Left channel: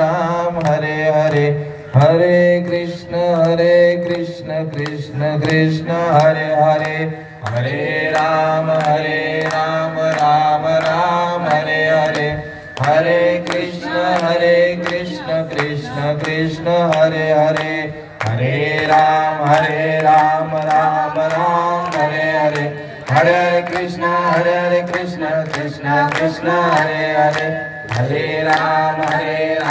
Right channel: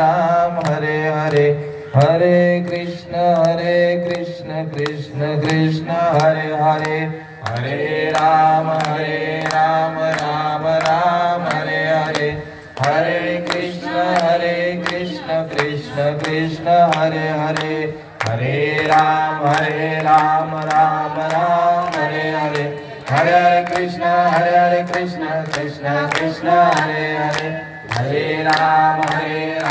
राम हरे हरे हरे कृष्ण कृष्ण कृष्ण हरे हरे हरे राम राम राम हरे हरे हरे कृष्ण कृष्ण कृष्ण हरे हरे हरे राम राम राम हरे हरे हरे कृष्ण कृष्ण कृष्ण हरे हरे हरे राम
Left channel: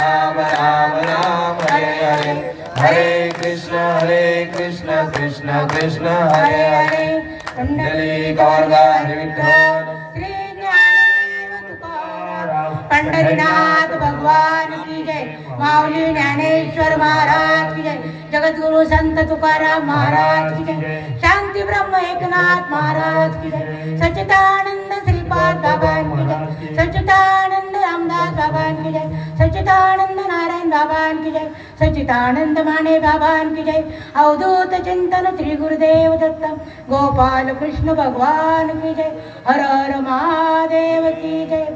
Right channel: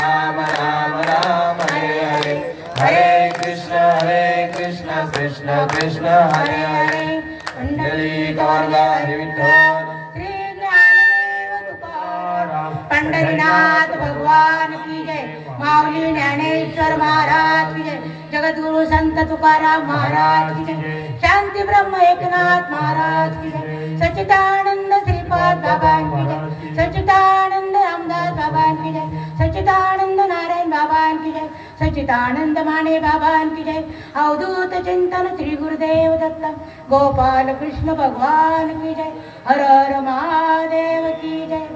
राम राम हरे हरे हरे कृष्ण कृष्ण कृष्ण हरे हरे पंढरी गौरवा विठ्ठल श्री ज्ञानदेव तुकाराम पंढरीनाथ भगवान की जय माऊली ज्ञानेश्वर महाराज की जय जगद्गुरु संत तुकाराम महाराज की जय शांती ब्रह्म एकनाथ महाराज की जय सच्चिदानंद श्रीपाद बाबा की जय सच्चिदानंद रामदास बाबा की जय सच्चिदानंद नारायण बाबा की जय सच्चिदानंद माने बाबा की जय अवधूत चिंतन श्री गुरुदेव दत्त गोपाल कृष्ण भगवान की जय हर हर महादेव की जय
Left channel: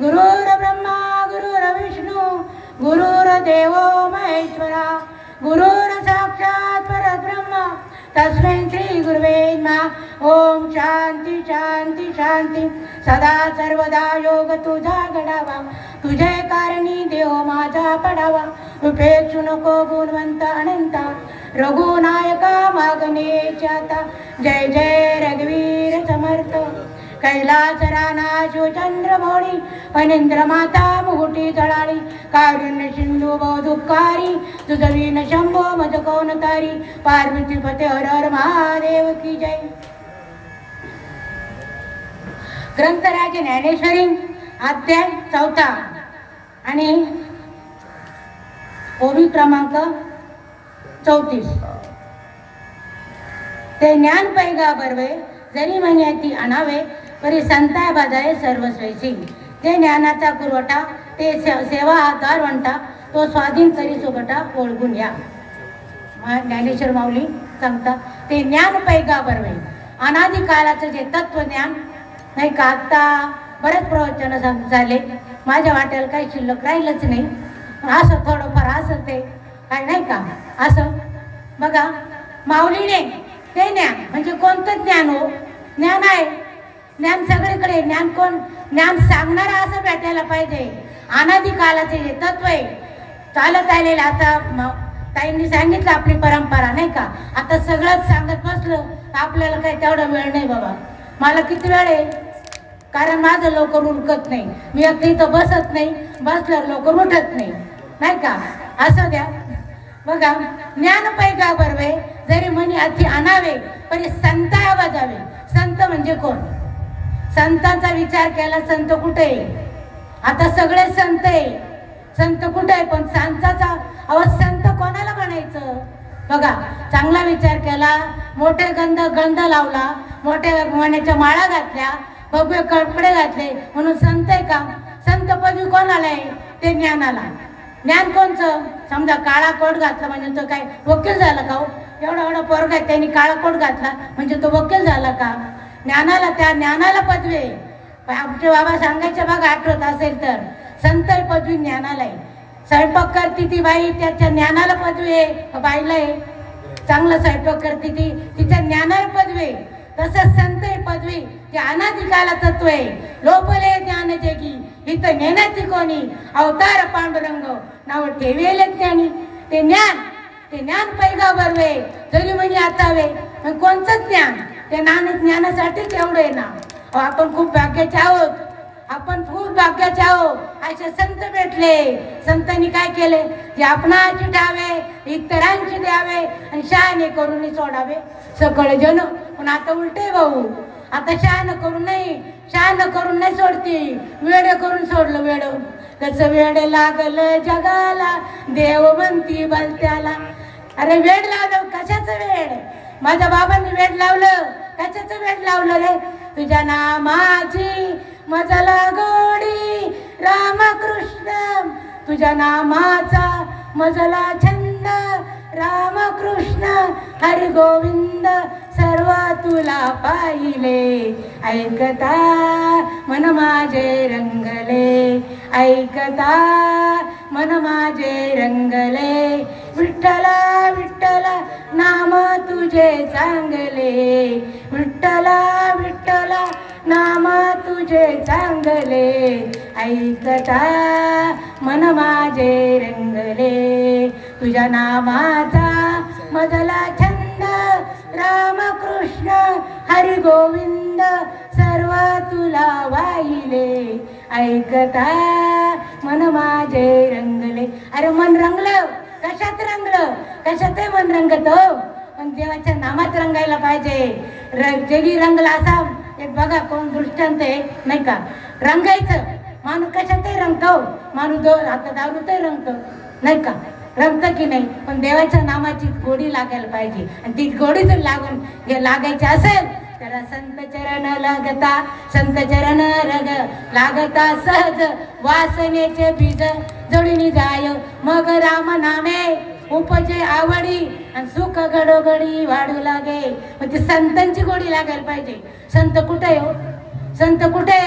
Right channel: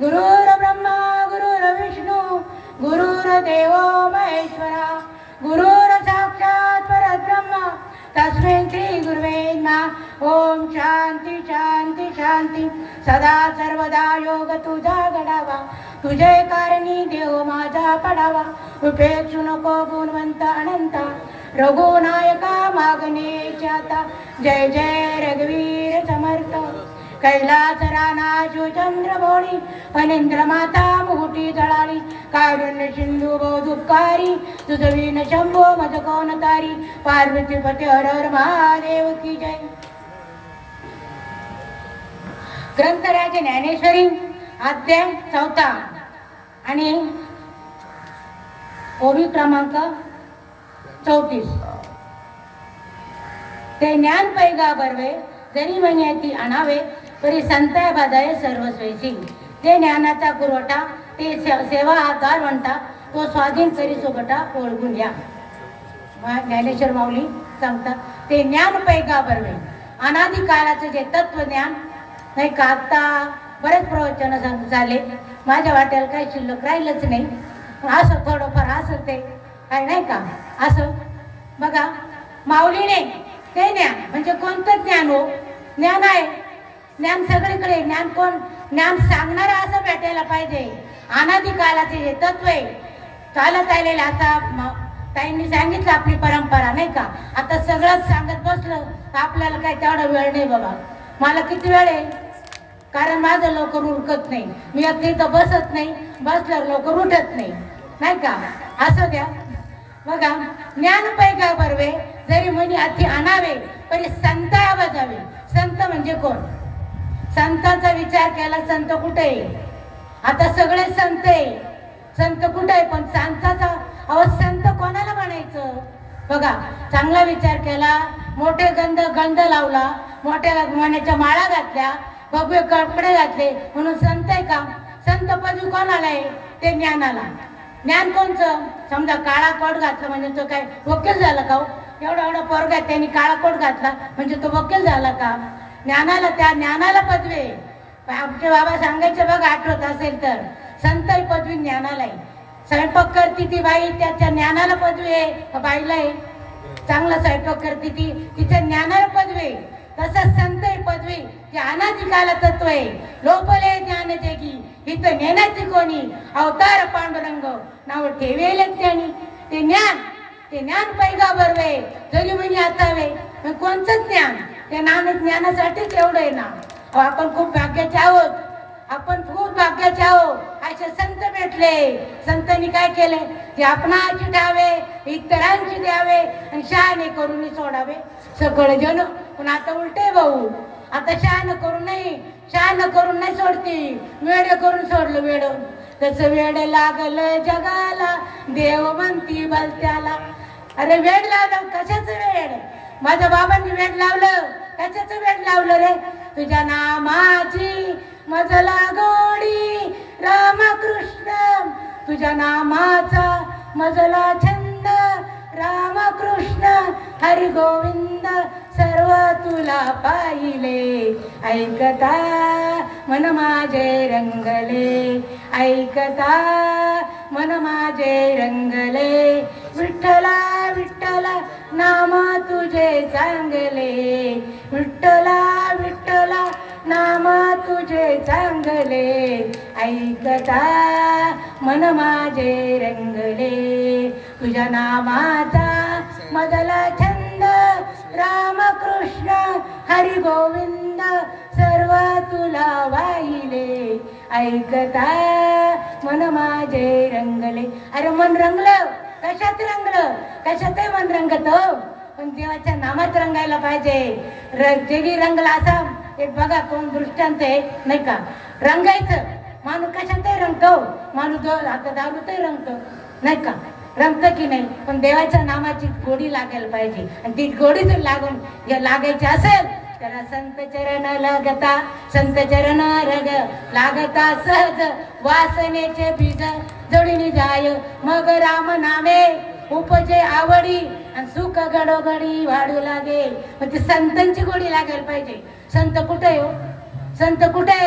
गुरुर ब्रह्मा गुरुर विष्णु गुरुर देवो महेश्वरा गुरुर साक्षात परब्रह्म तस्मै श्री गुरुवे नमः ओम शांती शांती शांती सदा सर्वदा योग तुझा घडावा तुझे कारणी देव माझा पडावा उपेक्षू नको गुणवंत अनंता रघुनायका मागणे चाता जय जय रघुवीर समर्थ कैलास राणा शिवचंद्र भोणी फणींद्र माता मुकुटी जळाली कारुण्य सिंधू बहुदुःखारी तुझवीन शंभो मज कोण तारी पार्वती पते हर हर महादेव की जय ग्रंथराज ज्ञानेश्वरी अध्याय 4 आणि ओवी क्रमांक 34 ते ज्ञान पैगा बरवे जरी म्हण्याती आणावे तरी संताय बाजारे सर्वस्वैसी ते ज्ञानाचा पुरवठा ते सेवा आधार म्हणता तो स्वाधीन करी सोबटा ओळखून घ्या ज्ञानेश्वर माऊली सांगता ते ज्ञान पैगा बरवे अनादी काळाचं जे तत्वज्ञान नाही का आता बरेच प्रवचन झाले माझ्या वाट्याला काही शिल्लक राहिलंच नाही असं थोडंफार असं ते काय नाही का असं बघा माऊलीने ते ज्ञान म्हणजे कोणतं ज्ञान हो ज्ञान आहे ज्ञान सगळीकडे ज्ञान कोण ज्ञान सांगणारा असं भेटायला पाहिजे अनादी काळाचे जे तत्व आहे चालत आलेलं आता ताईंनी सांगितलं आपली परंपरा नाही का आता सगळंच सांगत बसलं आपल्याला काय तेवढा वेळ नाही बाबा मला किती वेळ आहे कारण माझं लवकर उरकत नाही मी अगदी इथं बसत नाही बसल्यावर लवकर उठत नाही का असं द्या बघा ज्ञान पैगा बरवे जरी म्हणी अति आणावे पण संता वाजावे संत म्हणजे कोण संतांचा विचार केला संत कुठे आहे आता सगळे संत आहे संत कुठे आहे पण संताचा संत कोणाला म्हणायचं बघा चांगला विचार केला मोठे गंध लावला मोठ्या मण्याच्या माळा घातल्या भव्य कपडे घातले म्हणून संत आहे का संत पदवी कोणाला आहे ते ज्ञानाला ज्ञान कोणचं समजा काळा कोट घातला म्हणजे तो काय वकील झाला का एवढा पोरगा त्यांनी काळा कोट घातला म्हणजे तो वकील झाला का ज्ञानाला त्या ज्ञानाला पदवी आहे आमचे बाबा सांगायचे बघा आठवत असेल तर संत पदवी ज्ञानाला आहे स्वयंपाक करती ती बाई त्याच्या ज्ञानाला पदवी आहे बाईला आहे चांगला स्वयंपाक करती ती तिच्या ज्ञानाला पदवी आहे तसंच संत पदवी ते अनादी काला तत्व आहे लोपले ज्ञान जगी इथं ज्ञानाची कोणी अवतार पांडुरंग नाव ठेवेल ज्ञानी ते ज्ञान पैगा बरवे जरी म्हणे आतावे कोणतं ज्ञान ते ज्ञानासाठीच एवढं आहे ना आपण खूप भाग्याचे आहोत आपण खूप भाग्याचे आहोत असे संत भेटले संतांनी काय केले ते आपणाची ठावे इतरांची द्यावे आणि शहाणे करून सोडावे सगळे जन पण आता उलटे भाऊ आता शहाणं करून नाही सोडती वेड करून सोडलं वेड तसं वेड लागल जगाला देव म्हणती बलत्याला अरे वेड लावलं कशाचं वेड माझ्या बाबांनी वेड लावलं कशाचं वेड लावलं रे तुझ्या नामाची मजला गोडी रामकृष्ण तुझ्या नामाचा मजला छंद रामकृष्ण हरी गोविंद सर्व तुला पाहिले ऐकता मन माझे रंगले ऐकता मन माझे रंगले, विठ्ठला विठ्ठला नाम तुझे चांगले, विठ्ठला विठ्ठला नाम तुझे चांगले, ऐकता मन माझे रंगले, तुझ्या नामाचा मधला छंद रामकृष्ण हरी गोविंद सर्व तुला वाहिले, ऐकता मन माझे रंगले. अरे मन रंगलं, कशात रंगलं, कशातही मन रंगत हो, पण देवाच्या नामात रंगायला पाहिजे. जगी रंगला असा एक बघा कोण दृष्टांत आहे नाही का, रंगायचं माणूस कशातही रंगतो, माणूस आता दारूतही रंगतो नाही का, रंगतं की नाही, पण देवाच्या नामाची गोडी लागायला पाहिजे. आणि ती गोडी जर लागायची असेल त्याला संत चरण लागता, संत चरण रग लागता सहज, वासनेचे बीज जोडीने जाय, मग राम नामे उपजे आवडी, आणि सुख घडोघडी वाढू लागे. मग ती संतांची गोडी लागायला पाहिजे. संत कुठे हो, संत कुठे?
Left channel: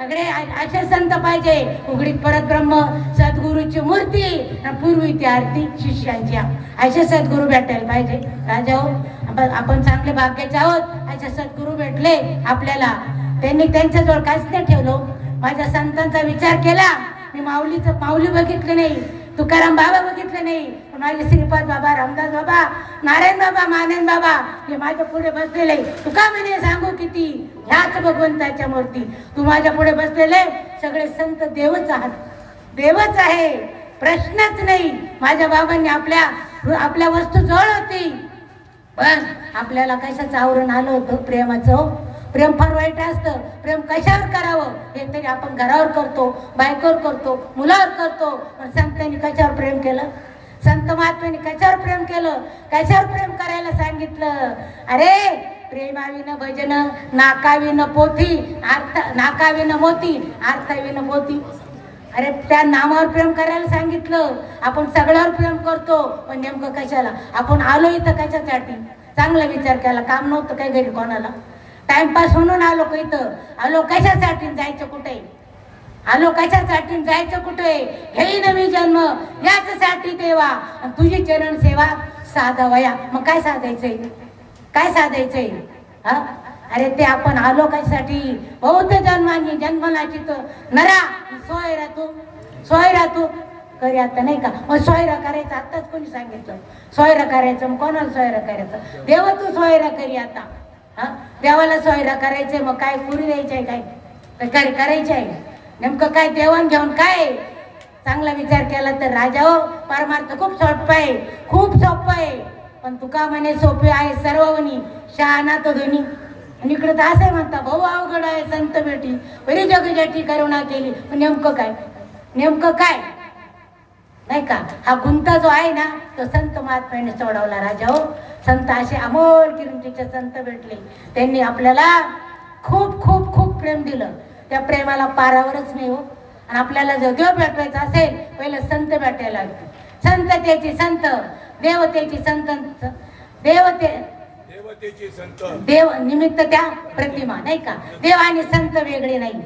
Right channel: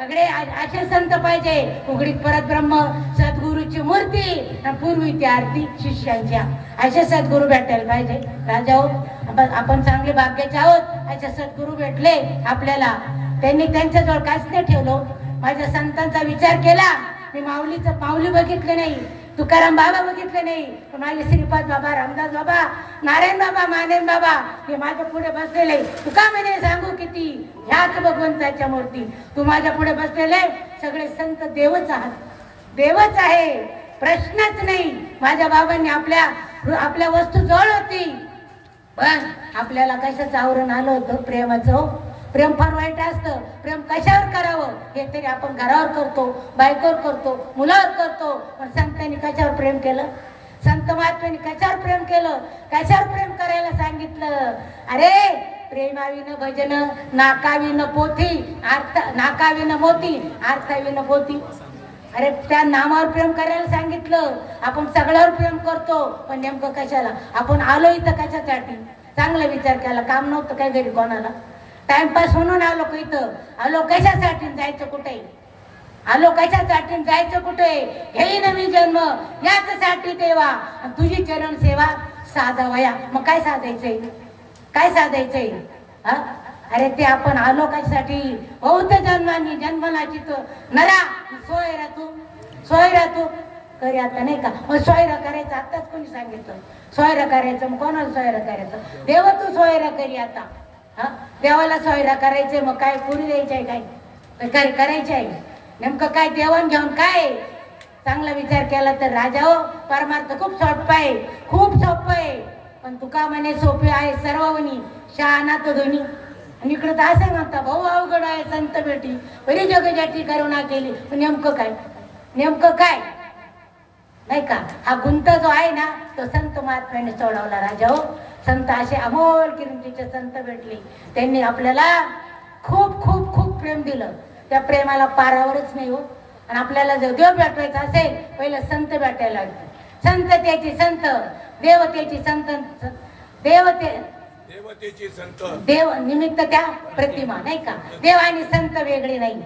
अगडे असे संत पाहिजे, उघडीत परत ब्रह्म सद्गुरूची मूर्ती, पूर्वी ती आरती शिष्यांच्या, असे सद्गुरू भेटायला पाहिजे. राजा हो, आपण चांगले भाग्याचे आहोत, असे सद्गुरू भेटले आपल्याला. त्यांनी त्यांच्याजवळ काहीच नाही ठेवलं. माझ्या संतांचा विचार केला, मी माऊली बघितलं नाही, तुकाराम बाबा बघितले नाही, पण माझे श्रीपाद बाबा, रामदास बाबा, नारायण बाबा, मानेन बाबा हे माझ्या पुढे बसलेले. तुका म्हणे सांगू किती, ह्याच भगवंताच्या मूर्ती. तू माझ्या पुढे बसलेले सगळे संत देवच आहात, देवच आहे, प्रश्नच नाही. माझ्या बाबांनी आपल्या वस्तू जवळ होती, पण आपल्याला कशाचं आवरण आलं होतं, प्रेमाचं. प्रेम फार वाईट असतं. प्रेम कशावर करावं हे तरी आपण घरावर करतो, बायकोवर करतो, मुलावर करतो, पण संतांनी कशावर प्रेम केलं, संत महात्म्यांनी कशावर प्रेम केलं, कशावर प्रेम करायला सांगितलं. अरे प्रेमाविन भजन नाकाविन पोथी, नाकाविन मोती, अर्थाविन पोथी. अरे त्या नामावर प्रेम करायला सांगितलं. आपण सगळ्यावर प्रेम करतो, पण नेमकं कशाला? आपण आलो इथं कशासाठी? चांगला विचार केला, काम नव्हतं काय घरी कोणाला, टाइमपास म्हणून आलो का इथं? आलो कशासाठी, जायचं कुठे? आलो कशासाठी, जायचं कुठे? घेईन मी जन्म याच्यासाठी देवा, तुझी चरण सेवा साधावया. मग काय साधायचंय, काय साधायचंय? हा, अरे ते आपण आलो कशासाठी? बहुत जन्मांनी जन्मनाची तो नरा सोयरा तू करी आता नाही का. मग सोयरा करायचं आताच कोणी सांगितलं? सोयरा करायचं, मग कोणाला सोयरा करायचं? देव तू सोयरा करी आता. हा, देवाला सोयरा करायचे, मग काय पुरी द्यायचे काय करायचे आहे? नेमकं काय देवाण घेऊन काय? चांगला विचार केला तर राजा हो, परमार्थ खूप सोपं आहे, खूप सोपं आहे. पण तुका म्हणे सोपे आहे सर्वनी, शहाणा तो धोनी. आणि इकडे तर असं म्हणता, भाऊ अवघड आहे संत भेटी, बरी जगजाठी करुणा केली. पण नेमकं काय, नेमकं काय नाही का? हा गुंता जो आहे ना, तो संत महात्म्याने सोडवला राजा हो. संत असे अमोल किमतीचे संत भेटले, त्यांनी आपल्याला खूप खूप खूप प्रेम दिलं. त्या प्रेमाला पारावरच नाही हो. आणि आपल्याला जर देव भेटवायचा असेल, पहिले संत भेटायला लागते. संततेची संत, देवतेची संत, देवतेची संत, देव निमित्त त्या प्रतिमा नाही का. देव आणि संत वेगळे नाही,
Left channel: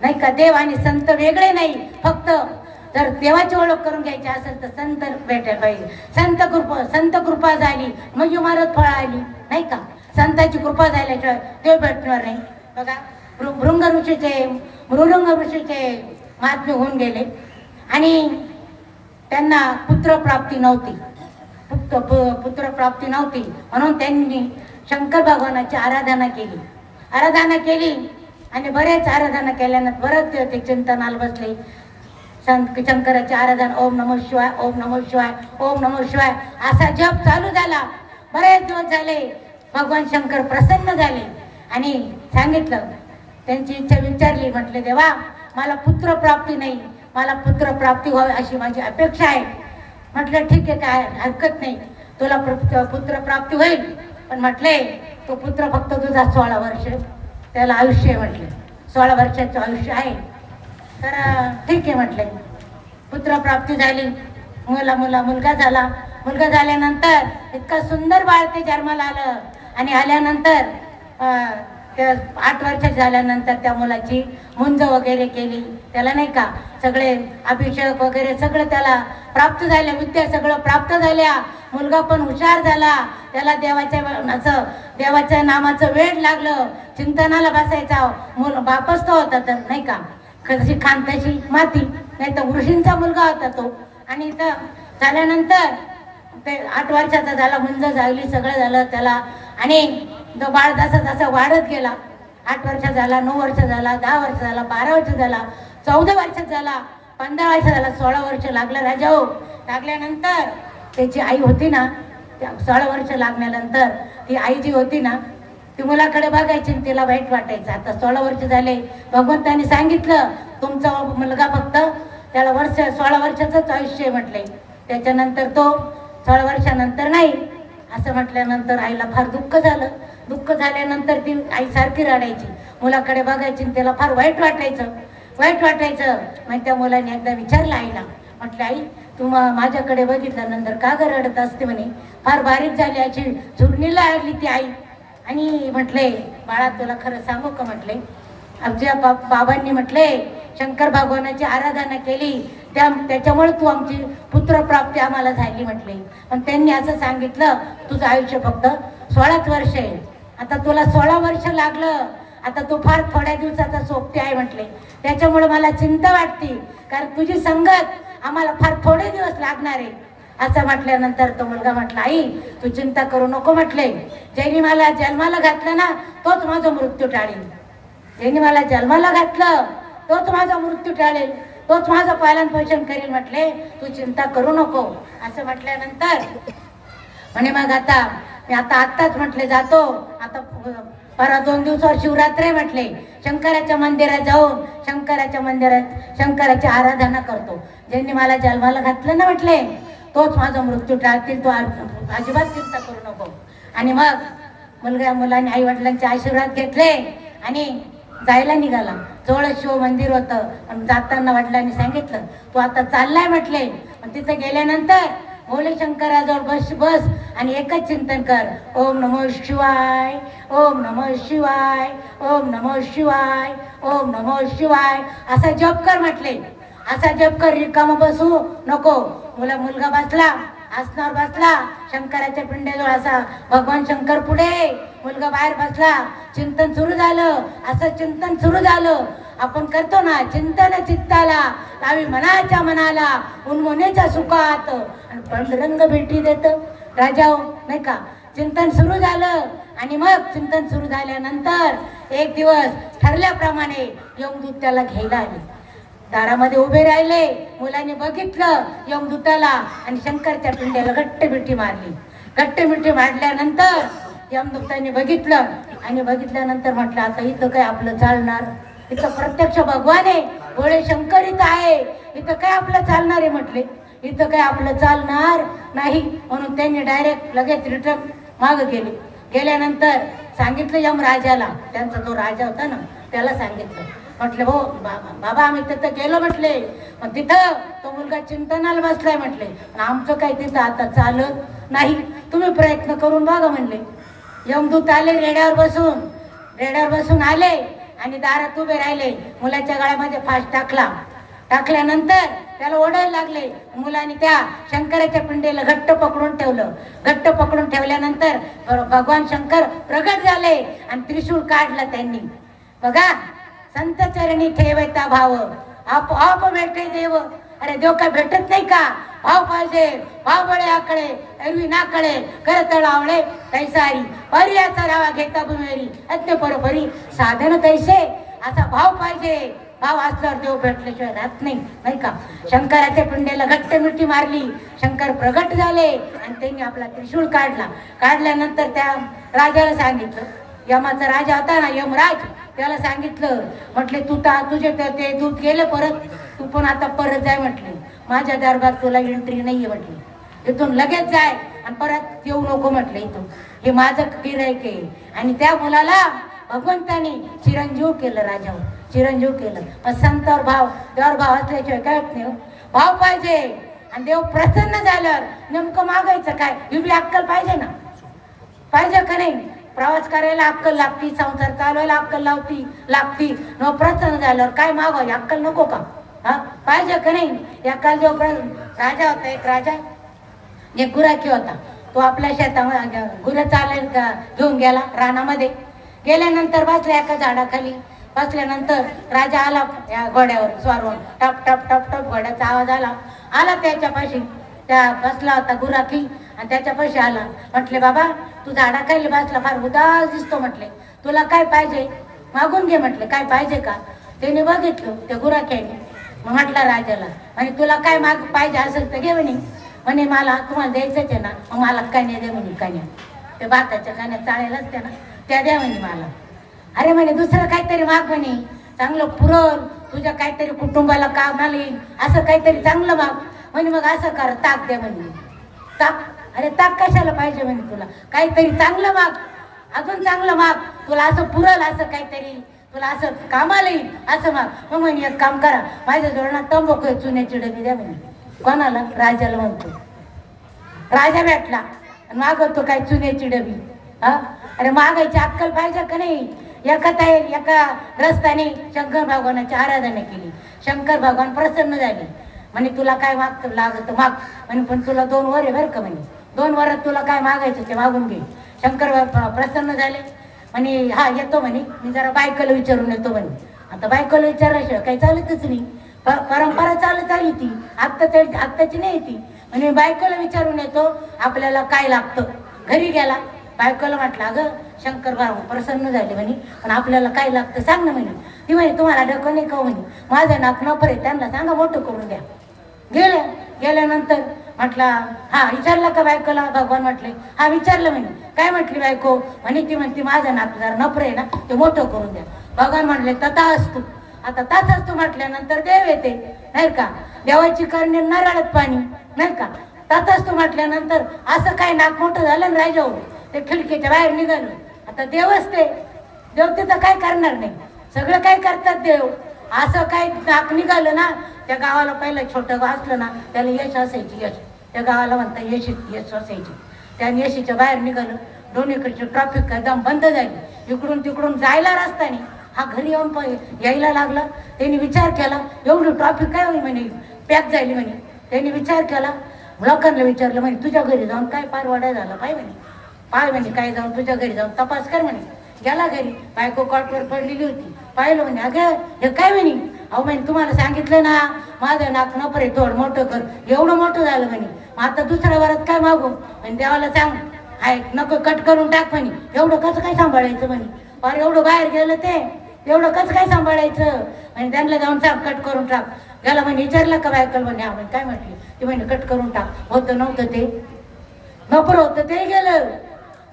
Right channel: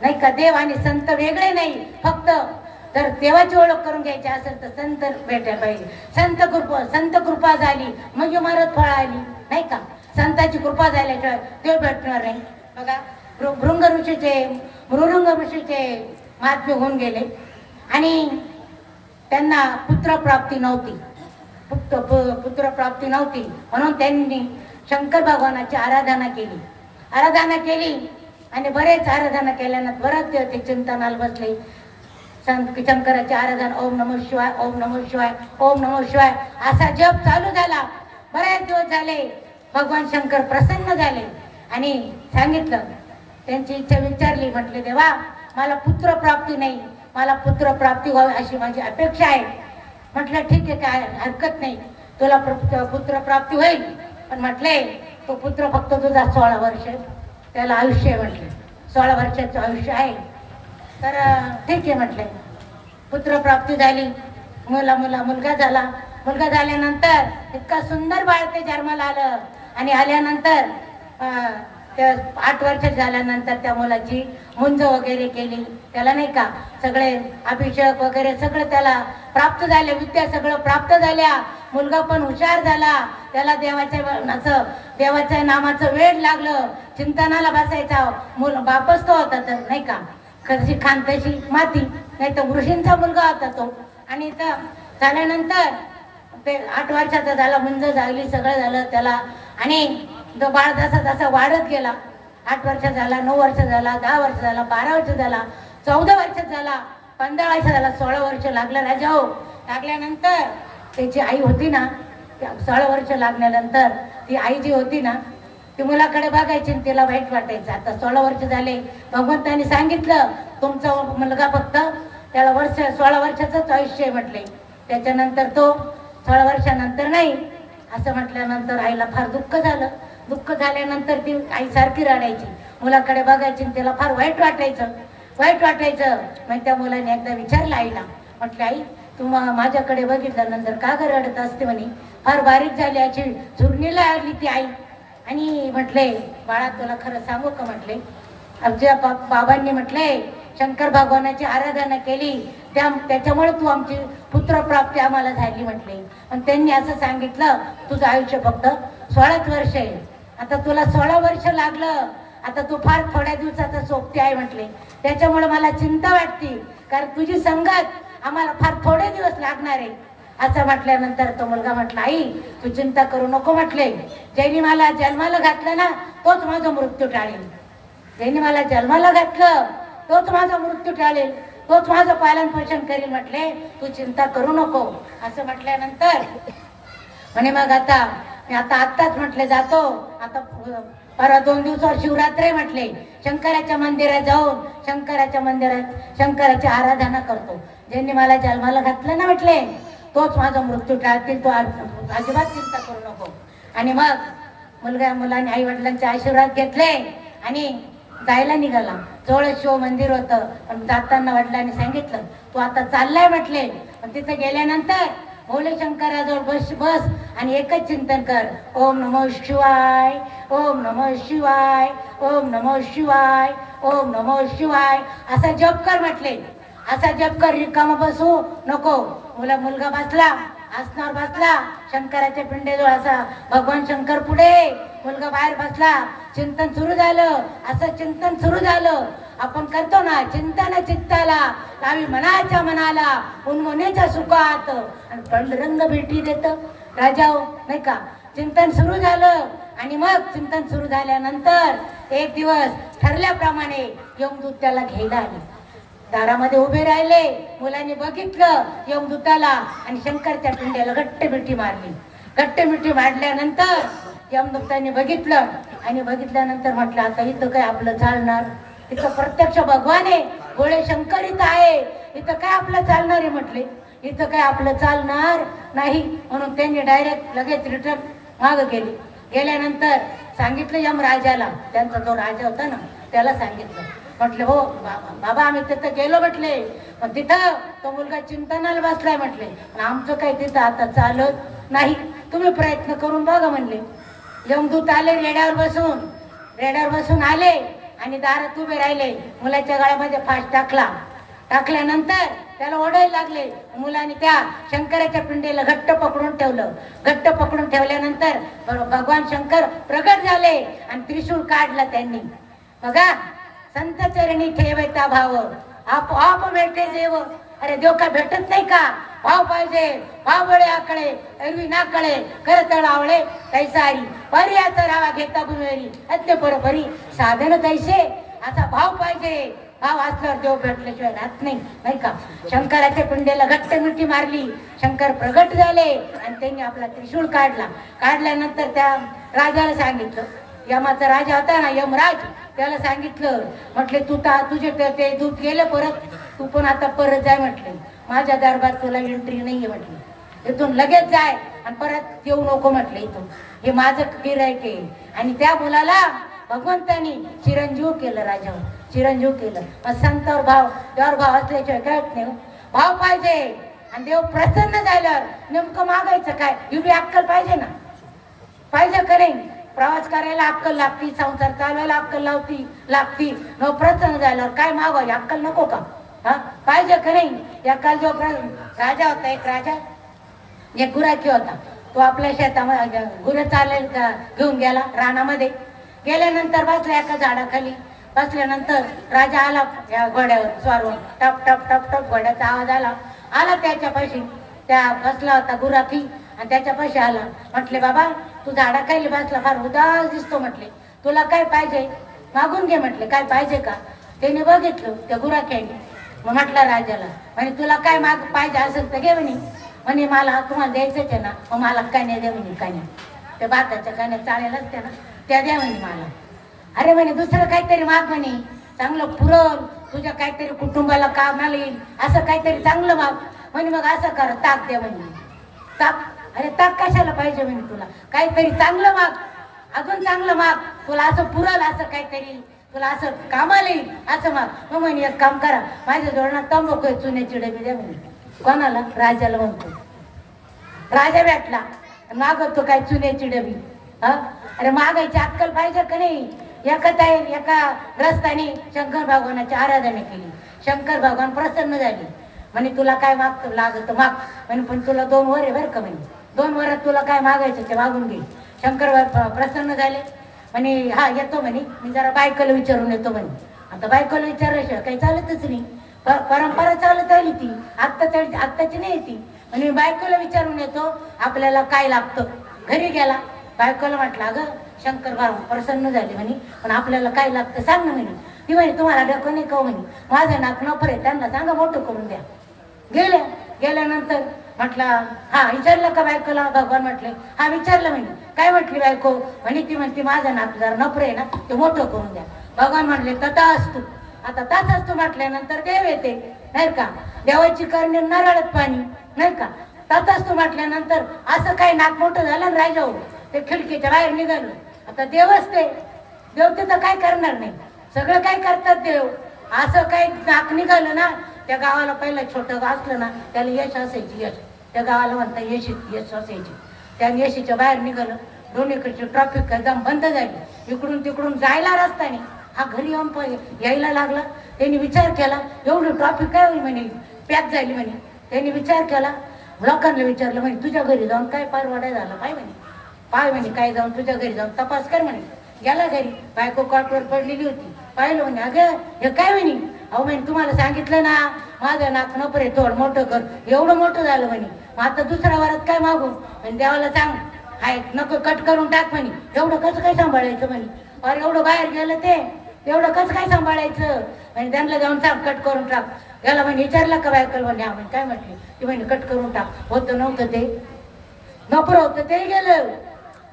नाही का. देव आणि संत वेगळे नाही. फक्त जर देवाची ओळख करून घ्यायची असेल तर संत भेटायला पाहिजे. संत कृपा झाली मग इमारत फळ आली नाही का. संतांची कृपा झाल्याशिवाय देव भेटणार नाही. बघा भृंग ऋषीचे महात्मे होऊन गेले आणि त्यांना पुत्रप्राप्ती नव्हती, पुत्रप्राप्ती नव्हती म्हणून त्यांनी शंकर भगवानाची आराधना केली आणि बरेच आराधना केल्यानंतर बरेच ते चिंतनाला बसले. शंकराची आराधना, ओम नमः शिवाय, ओम नमः शिवाय, ओम नमः शिवाय असा जप चालू झाला. बरेच दिवस झाले. भगवान शंकर प्रसन्न झाले आणि सांगितलं, त्यांची इच्छा विचारली. म्हटले देवा, मला पुत्र प्राप्ती नाही, मला पुत्र प्राप्ती व्हावी अशी माझी अपेक्षा आहे. म्हटलं ठीक आहे, काय हरकत नाही, तुला पुत्र प्राप्ती होईल. पण म्हटले तो पुत्र फक्त तुझा 16 वर्ष, त्याला आयुष्य आहे. म्हटले 16 वर्षाचं आयुष्य आहे. तर ठीक आहे म्हटले. पुत्र प्राप्ती झाली, मुलगा झाला. मुलगा झाल्यानंतर इतका सुंदर बाळ ते जन्माला आलं आणि आल्यानंतर त्या 8 वर्ष झाल्यानंतर त्या मुलाची मुंज वगैरे केली. त्याला नाही का सगळे अभिषेक वगैरे सगळे त्याला प्राप्त झाले, विद्या सगळं प्राप्त झाल्या. मुलगा पण हुशार झाला. त्याला देवाच्या नामाचं वेड लागलं. चिंतनाला बसायचा. बापच तो होता तर नाही का, कशी खान तशी माती, नाही तर ऋषींचा मुलगा होता तो. आणि झाल्यानंतर ते 8 वर्षाचा झाला, मुंज झाली, सगळं झालं त्याला. आणि तो बाळ जसा जसा वाढत गेला, 8 वर्ष झाला, 9 वर्ष झाला, 10 वर्ष झाला, 12 वर्ष झाला, 14 वर्ष झाला, 15 वर्ष झाला, 16 वर्ष लागलं राजा हो. लागल्यानंतर त्याची आई होती ना, 16 वर्ष लागल्यानंतर ती आई जी होती ना, ती मुलाकडे बघायची, तिला वाईट वाटायचं. आता 16 वर्ष झाले, भगवंतांनी सांगितलं तुमचा मुलगा फक्त त्याला 16 वर्षाचंच आयुष्य म्हटले. त्याच्यानंतर तो 16 वर्षानंतर नाही असं म्हटल्यानंतर आईला फार दुःख झालं. दुःख झाल्यानंतर ती आई सारखी रडायची, मुलाकडे बघायची, त्याला फार वाईट वाटायचं. मग त्या मुलाने एकदा विचारलं आईला, म्हटलं आई तू माझ्याकडे बघितल्यानंतर का ग रडत असते म्हणे, फार बारीक झाली अशी झुरणीला आली ती आई. आणि म्हटले बाळा तुला खरं सांगू का, म्हटले आमच्या बाबांनी म्हटले शंकर भगवानाची आराधना केली, त्याच्यामुळे तू आमची पुत्रप्राप्ती आम्हाला झाली म्हटले. पण त्यांनी असं सांगितलं तुझं आयुष्य फक्त 16च वर्ष आहे. आता तुला 16 वर्ष लागलं, आता तू फार थोड्या दिवसाचा सोबती आहे म्हटले. त्याच्यामुळे मला चिंता वाटते, कारण तुझी संगत आम्हाला फार थोडे दिवस लागणार आहे. असं म्हटल्यानंतर तो मुलगा म्हटला आई तू चिंता करू नको म्हटले, ज्यांनी मला जन्माला घातलं ना तोच माझा मृत्यू टाळेल. ज्यांनी मला जन्माला घातलं तोच माझा मृत्यू टाळेल, तोच माझं पालन पोषण करेल म्हटले, तू चिंता करू नको. असं म्हटल्यानंतर म्हणे मग आता मी आत्ताच म्हटले जातो, आता परवा 2 दिवसावर शिवरात्री म्हटले शंकराच्या मंदिरात जाऊन शंकराची आराधना करतो. ज्यांनी मला जन्माला घातलं ना म्हटले तोच माझा मृत्यू टाळतील, तो अजिबात चिंता करू नको. आणि मग मुलाने आई वडिलांचे आशीर्वाद घेतले आणि जायला निघाला. जवळ शिव मंदिर होतं. जाताना वडिलांनी सांगितलं तू आता चाललाय म्हटले, पण तिथं गेल्यानंतर भोले शंकराजवळ बस आणि एकच चिंतन कर, ओम नमो शिवाय, ओम नमो शिवाय, ओम नमो शिवाय, ओम नमो शिवाय असा जप कर म्हटले. असा जप कर, रिकामा बसू नको. मुलगा बसला, आसनावर बसला, शंकराच्या पिंडीजवळ असा भगवान शंकर पुढे, मुलगा बाहेर बसला. चिंतन सुरू झालं. असं चिंतन सुरू झालं आपण करतो ना, चिंतन चित्ताला लावी मनाच्या मनाला, उन्मनेच्या सुखात आणि पांडुरंग भेटी देत राजा नाही का. चिंतन सुरू झालं आणि मग चिंतन सुरू झाल्यानंतर एक दिवस ठरल्याप्रमाणे यमदूत त्याला घ्यायला आले. दारामध्ये उभे राहिले. मुलांनी बघितलं यमदूताला आणि शंकरच्या पिंडीला घट्ट मिठी मारली. घट्ट मिठी मारल्यानंतर यमदूतांनी बघितलं आणि बघितल्यानंतर म्हटलं आता इथं काय आपलं चालणार, इथं प्रत्यक्ष भगवान आहे, भोळे शंकर इथं आहे, इथं काय आपलं चालणार आहे म्हटले, इथं काय आपलं चालणार नाही. म्हणून त्यांनी डायरेक्ट लगेच रिटर्न मागं गेले. गेल्यानंतर सांगितलं यमराजाला, त्यांचा जो राजा होता ना त्याला सांगितलं, म्हटले हो बाबा आम्ही तिथं गेलो म्हटले, पण तिथं तो मुलगा चिंतनाला बसलाय म्हटले, पण आमचं काही तिथं आता चालत नाही, तुम्ही प्रयत्न करून बघा म्हणले. यमदूत आले, रेड्यावर बसून आले आणि दारात उभे राहिले. मुलाच्या गळ्यामध्ये फास टाकल्यानंतर त्याला ओढायला लागले. मुलाने त्या शंकराच्या पिंडीला घट्ट पकडून ठेवलं. घट्ट पकडून ठेवल्यानंतर भगवान शंकर प्रगट झाले आणि त्रिशूळ काढला त्यांनी. बघा संत चरणी ठेवायचा भाव, आपोआप भेटे देव. अरे देव काय भेटत नाही का, भाव पाहिजे. भाव बळे आकडे एरवी ना कळे, कर तळावळे कैसारी पर्याचा रावा घेता भुमेरी अत्य परोपरी साधन कैसे. असा भाव पाहिजे. भाव असल्यावर देव भेटल्याशिवाय राहत नाही का. शंकराच्या पिंडीला घट्ट मिठी मारली. शंकर प्रगट झाले आणि त्यांनी आपला त्रिशूळ काढल्यानंतर त्या राजाला सांगितलं, यमाचा राजा होता ना यमराज, त्याला सांगितलं म्हटले तुझे ते दूत गेले परत, तू पण आता परत जाय म्हटले, माझ्या दरबार तुला एंट्री नाहीये म्हटले, इथून लगेच जाय आणि परत येऊ नको म्हटले इथून, हे माझं गिऱ्हाईक आहे. आणि त्या मुलाला भगवंतानी चिरंजीव केलं, राजावर चिरंजीव केलं. संतावर देवावर भाव असल्याशिवाय काय नाही. भाव पाहिजे आणि देव प्रसन्न झाल्यावर नेमकं मागायचं काय, ही बी अक्कल पाहिजे ना, पाहिजे का नाही. प्रवास करायला अक्कल लागती, संसार चालवायला अक्कल लागती. न प्रसन्न झाल्यावर काय मागवायला अक्कल नको का? हा पाहिजे का नाही? एकाल जो राजा होता, एक राजा, एक गुराखी होता. तो आपल्या शेतामध्ये गुरं चालायला घेऊन गेला. रानामध्ये गेल्यानंतर बसल्या एका झाडाखाली. बसल्यानंतर राजा आला या घोड्यावर स्वारून. टप टप टप टप घोड्याचा आवाज आला त्याच्यापाशी. त्या बसला होता गुराखी आणि त्याच्यापाशी आला. म्हटले, बाबा तू झाडाखाली बसला, फार उदास दिसतो. म्हटले, तुला काय पाहिजे? मागून घे. म्हटले, काय पाहिजे का? त्याने बघितलं त्या गुराख्याने. म्हटला राजाला, म्हणे तुला काय पाहिजे असेल तर घे म्हणे मला तुम्हाला द्यायचंच आहे ना. मग मला कान्या द्या म्हणे. कान्या त्या भाताच्या कान्या चाळेल असत्या ना, त्या द्या म्हणे मला. अरे म्हणे दुसरं काहीतरी माग म्हणे, चांगलं पुरण, तुझ्या काहीतरी कुटुंबाला कामाला येईल असं काहीतरी चांगलं माग म्हणे. मग असं कर, ताक दे म्हणे. ताक? अरे ताक कशाला पाहिजे म्हणे तुला? काहीतरी चांगलं माग, अजून चांगलं माग, तुला असं पुरल असं काहीतरी, तुला असं कामाला येईल असं माग. मग म्हणे एक काम करा, माझ्या जवळ ना तंबाखू चुन्याची डबी द्या म्हणे. कोणाला? राजाला म्हणतो. राजा भेटला मागवतो काय चुन्याची डबी. हा अरे मागायची अक्कल पाहिजे का नाही? एका ग्रस्ताने शंकर भगवानाची आराधना केली. शंकर भगवान प्रसन्न झाले. म्हणे तुला काय मागतो लागत माग म्हणे, पण तुला 2 वर आहे बरं का म्हणे. 2 वरात तुला काय मागायचं ते मागून घे. शंकर प्रसन्न झाले. म्हणे हा येतो म्हणे, मी जरा बायकोला विचारून येतो म्हणे. आता बायकोला विचारल्याशिवाय काही चालतच नाही. परंपरा चालत आली ती, आत्ताची नाही ती. आणि बायकोला विचारून येतो आपल्याला काय लागतं. घरी गेला, बायकोला म्हटलं, अगं शंकर बाबा प्रसन्न झाले म्हणे, पण आपल्याला काय लागतं सांग ना म्हणे. ती म्हणे तुम्हाला डोकं नाही का म्हणे, माझं नाक नपर आहे, त्यांना सांगा मोठं करून द्या. गेल्यानंतर म्हटलं हा विचारलं का बायकोला? भगवान म्हटले हा विचारलं म्हणे. काय म्हटली बायको? म्हणे ती म्हणते माझं नाक जरा नपर आहे ना, ते मोठं करून द्या. भगवान म्हटले तथा असतो. आता ताच असतो म्हटल्यानंतर देव येते नाही का, देवाची करणे नारळात पाणी नाही का. तथाच तू म्हटल्यानंतर असं काय नाक मोठं झालं ना राजा, ते खिडकीच्या बाहेर निघालं. आता देवच ते, देव तिथं काय करणार नाही, सगळं काय करतात देव. असं काय नाक निघालं ना, त्या गावाला पहिलं छोटं गाव असलं ना त्याला यश असायची. यश त्या गावाला म्हणता यश असायची. त्या यशीच्या बाहेर निघालं, दोन्हीकडची ट्रॅफिक एकदम बंद झाली. इकडून तिकडून जायला रस्ता नाही. हा घरी येऊन यायला लागला. त्यांनी विचार केला एवढं ट्रॅफिक काय होईल म्हणे, पॅक झाली म्हणे. त्यांनी विचार केला, लोकांना विचारलं म्हणे तुझ्या घरी जाऊन काय पारवाडा झाला पाय म्हणे काय जाऊन तुझ्या घरी जाऊन तपास कर म्हणे. गेला घरी, बायको कॉटवर पडलेली होती. पाहिलं म्हणे अगं हे काय म्हणे. अहो म्हणे तुम्हाला सांगितलं ना माझं नाक नपरे थोड मोठं कर, एवढं मोठं झालं म्हणे. मग आता दुसऱ्या वरात काय मागू आणि देवाला सांग हाय नको कट करून टाक म्हणे. एवढं कसं काय सांभाळायचं म्हणे. अरे एवढं बाहेर गेलं ते, एवढं कसं काय सांभाळायचं म्हणजे. त्यांना जाऊन सांग कट करून टाक. याला म्हणे विचारलं का बायकल म्हणे. हा म्हणे काय म्हटली ती म्हणे कट करून टाक. होतं नव्हतं ते नपर होतं ते गेलं,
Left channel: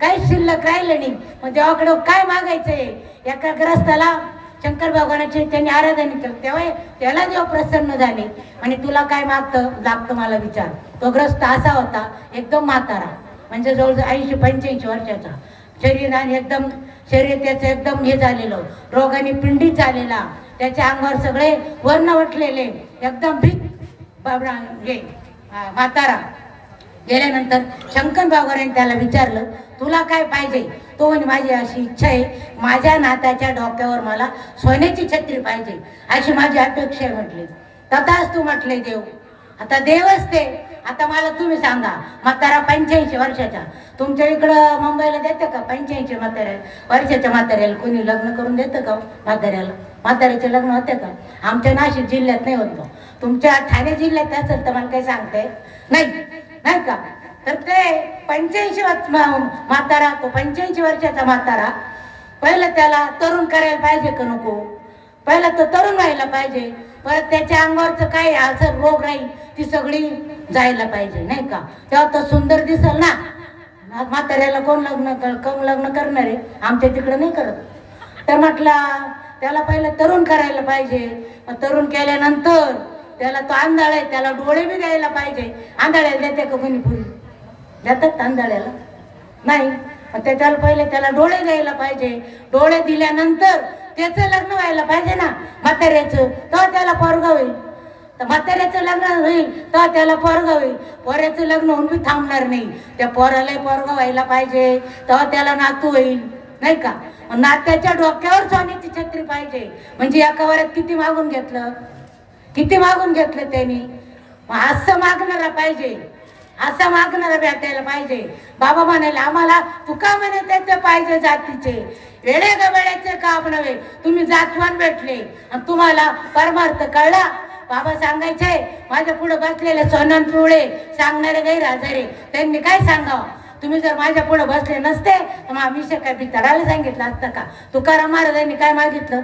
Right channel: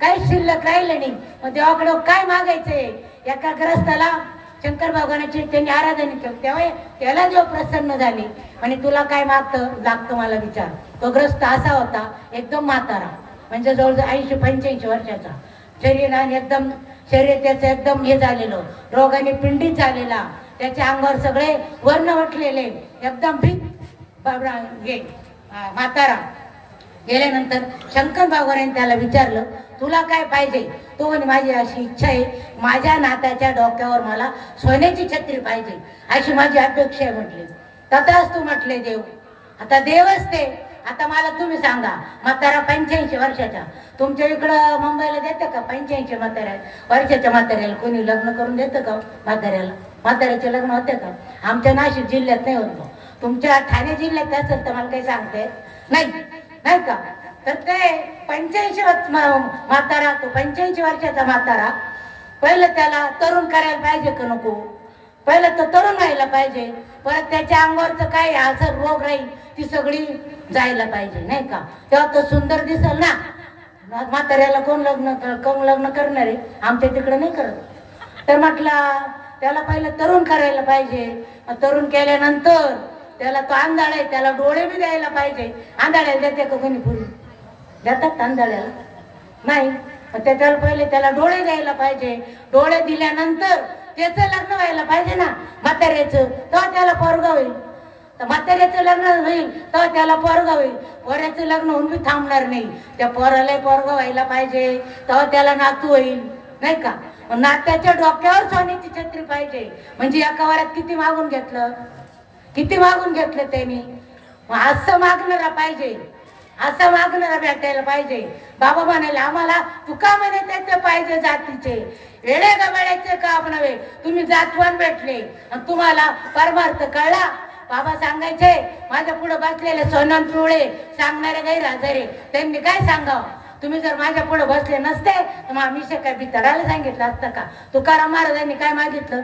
काहीच शिल्लक राहिलं नाही. मग देवाकडे काय मागायचंय. एका ग्रस्ताला शंकर भगवानाची त्यांनी आराधना केली, तेव्हा त्याला देव प्रसन्न झाले. आणि तुला काय लागतं मला विचार. तो ग्रस्त असा होता एकदम म्हातारा, म्हणजे जवळजवळ 80-85 वर्षाचा. शरीराने एकदम शरीर त्याचं एकदम हे झालेलं, रोगाने पिंडीत झालेला. त्याच्या अंगावर सगळे वर्ण वटलेले, एकदम भीत म्हातारा. गेल्यानंतर शंकर भगवानाने त्याला विचारलं तुला काय पाहिजे. तो म्हणे माझी अशी इच्छा आहे, माझ्या नाताच्या डोक्यावर मला सोन्याची छत्री पाहिजे, अशी माझी अपेक्षा आहे म्हटली. तथाच तू म्हटले देव. आता देवच ते. आता मला तुम्ही सांगा, म्हातारा 85 वर्षाचा, तुमच्या इकडं मुंबईला देतं का 85 वर्षाच्या म्हाताऱ्याला कोणी लग्न करून देतं का? म्हाताऱ्याचे लग्न होते का? आमच्या नाशिक जिल्ह्यात नाही होत. तुमच्या ठाणे जिल्ह्यात असेल तर मला काही सांगते नाही का. तर ते 85 म्हातारा, तो 85 वर्षाचा म्हातारा, पहिलं त्याला तरुण करायला पाहिजे का नको? पहिलं तो तरुण व्हायला पाहिजे. परत त्याच्या अंगावरचं काय असं रोग राहील ती सगळी जायला पाहिजे नाही का. तेव्हा तो सुंदर दिसल ना. म्हाताऱ्याला कोण लग्न करणार आहे? आमच्या तिकडं नाही करत. तर म्हटलं त्याला पहिलं तरुण करायला पाहिजे. तरुण केल्यानंतर त्याला तो आंधळा आहे, त्याला डोळे बी द्यायला पाहिजे. आंधळ्याला देते का कोणी पुरी? देतात आंधळ्याला? नाही. त्याच्याला पहिले त्याला डोळे द्यायला पाहिजे. डोळे दिल्यानंतर त्याचं लग्न व्हायला पाहिजे ना म्हाताऱ्याचं, तेव्हा त्याला पोरगा होईल. तर म्हाताऱ्याचं लग्न होईल तर त्याला पोरग होईल. पोऱ्याचं लग्न होऊन बी थांबणार नाही. त्या पोराला पोरग व्हायला पाहिजे तेव्हा त्याला नातू होईल, नाही का? नात्याच्या डोक्यावर सोन्याची छत्री पाहिजे. म्हणजे एका वरात किती मागून घेतलं, किती मागून घेतलं त्यांनी. असं मागणारा पाहिजे, असं मागणारा भेटायला पाहिजे. बाबा म्हणाले आम्हाला तुका म्हणे त्याचे पाहिजे जातीचे, वेळे गबाळ्याचे काम नव्हे. तुम्ही जातवान भेटले आणि तुम्हाला परमार्थ कळला. बाबा सांगायचे माझ्या पुढे बसलेले सोनन पिवळे सांगणारे गैरहजरे, त्यांनी काय सांगावं. तुम्ही जर माझ्या पुढे बसले नसते तर मग मी काय बितडायला सांगितलं असतं का? तुकाराम महाराजांनी काय मागितलं,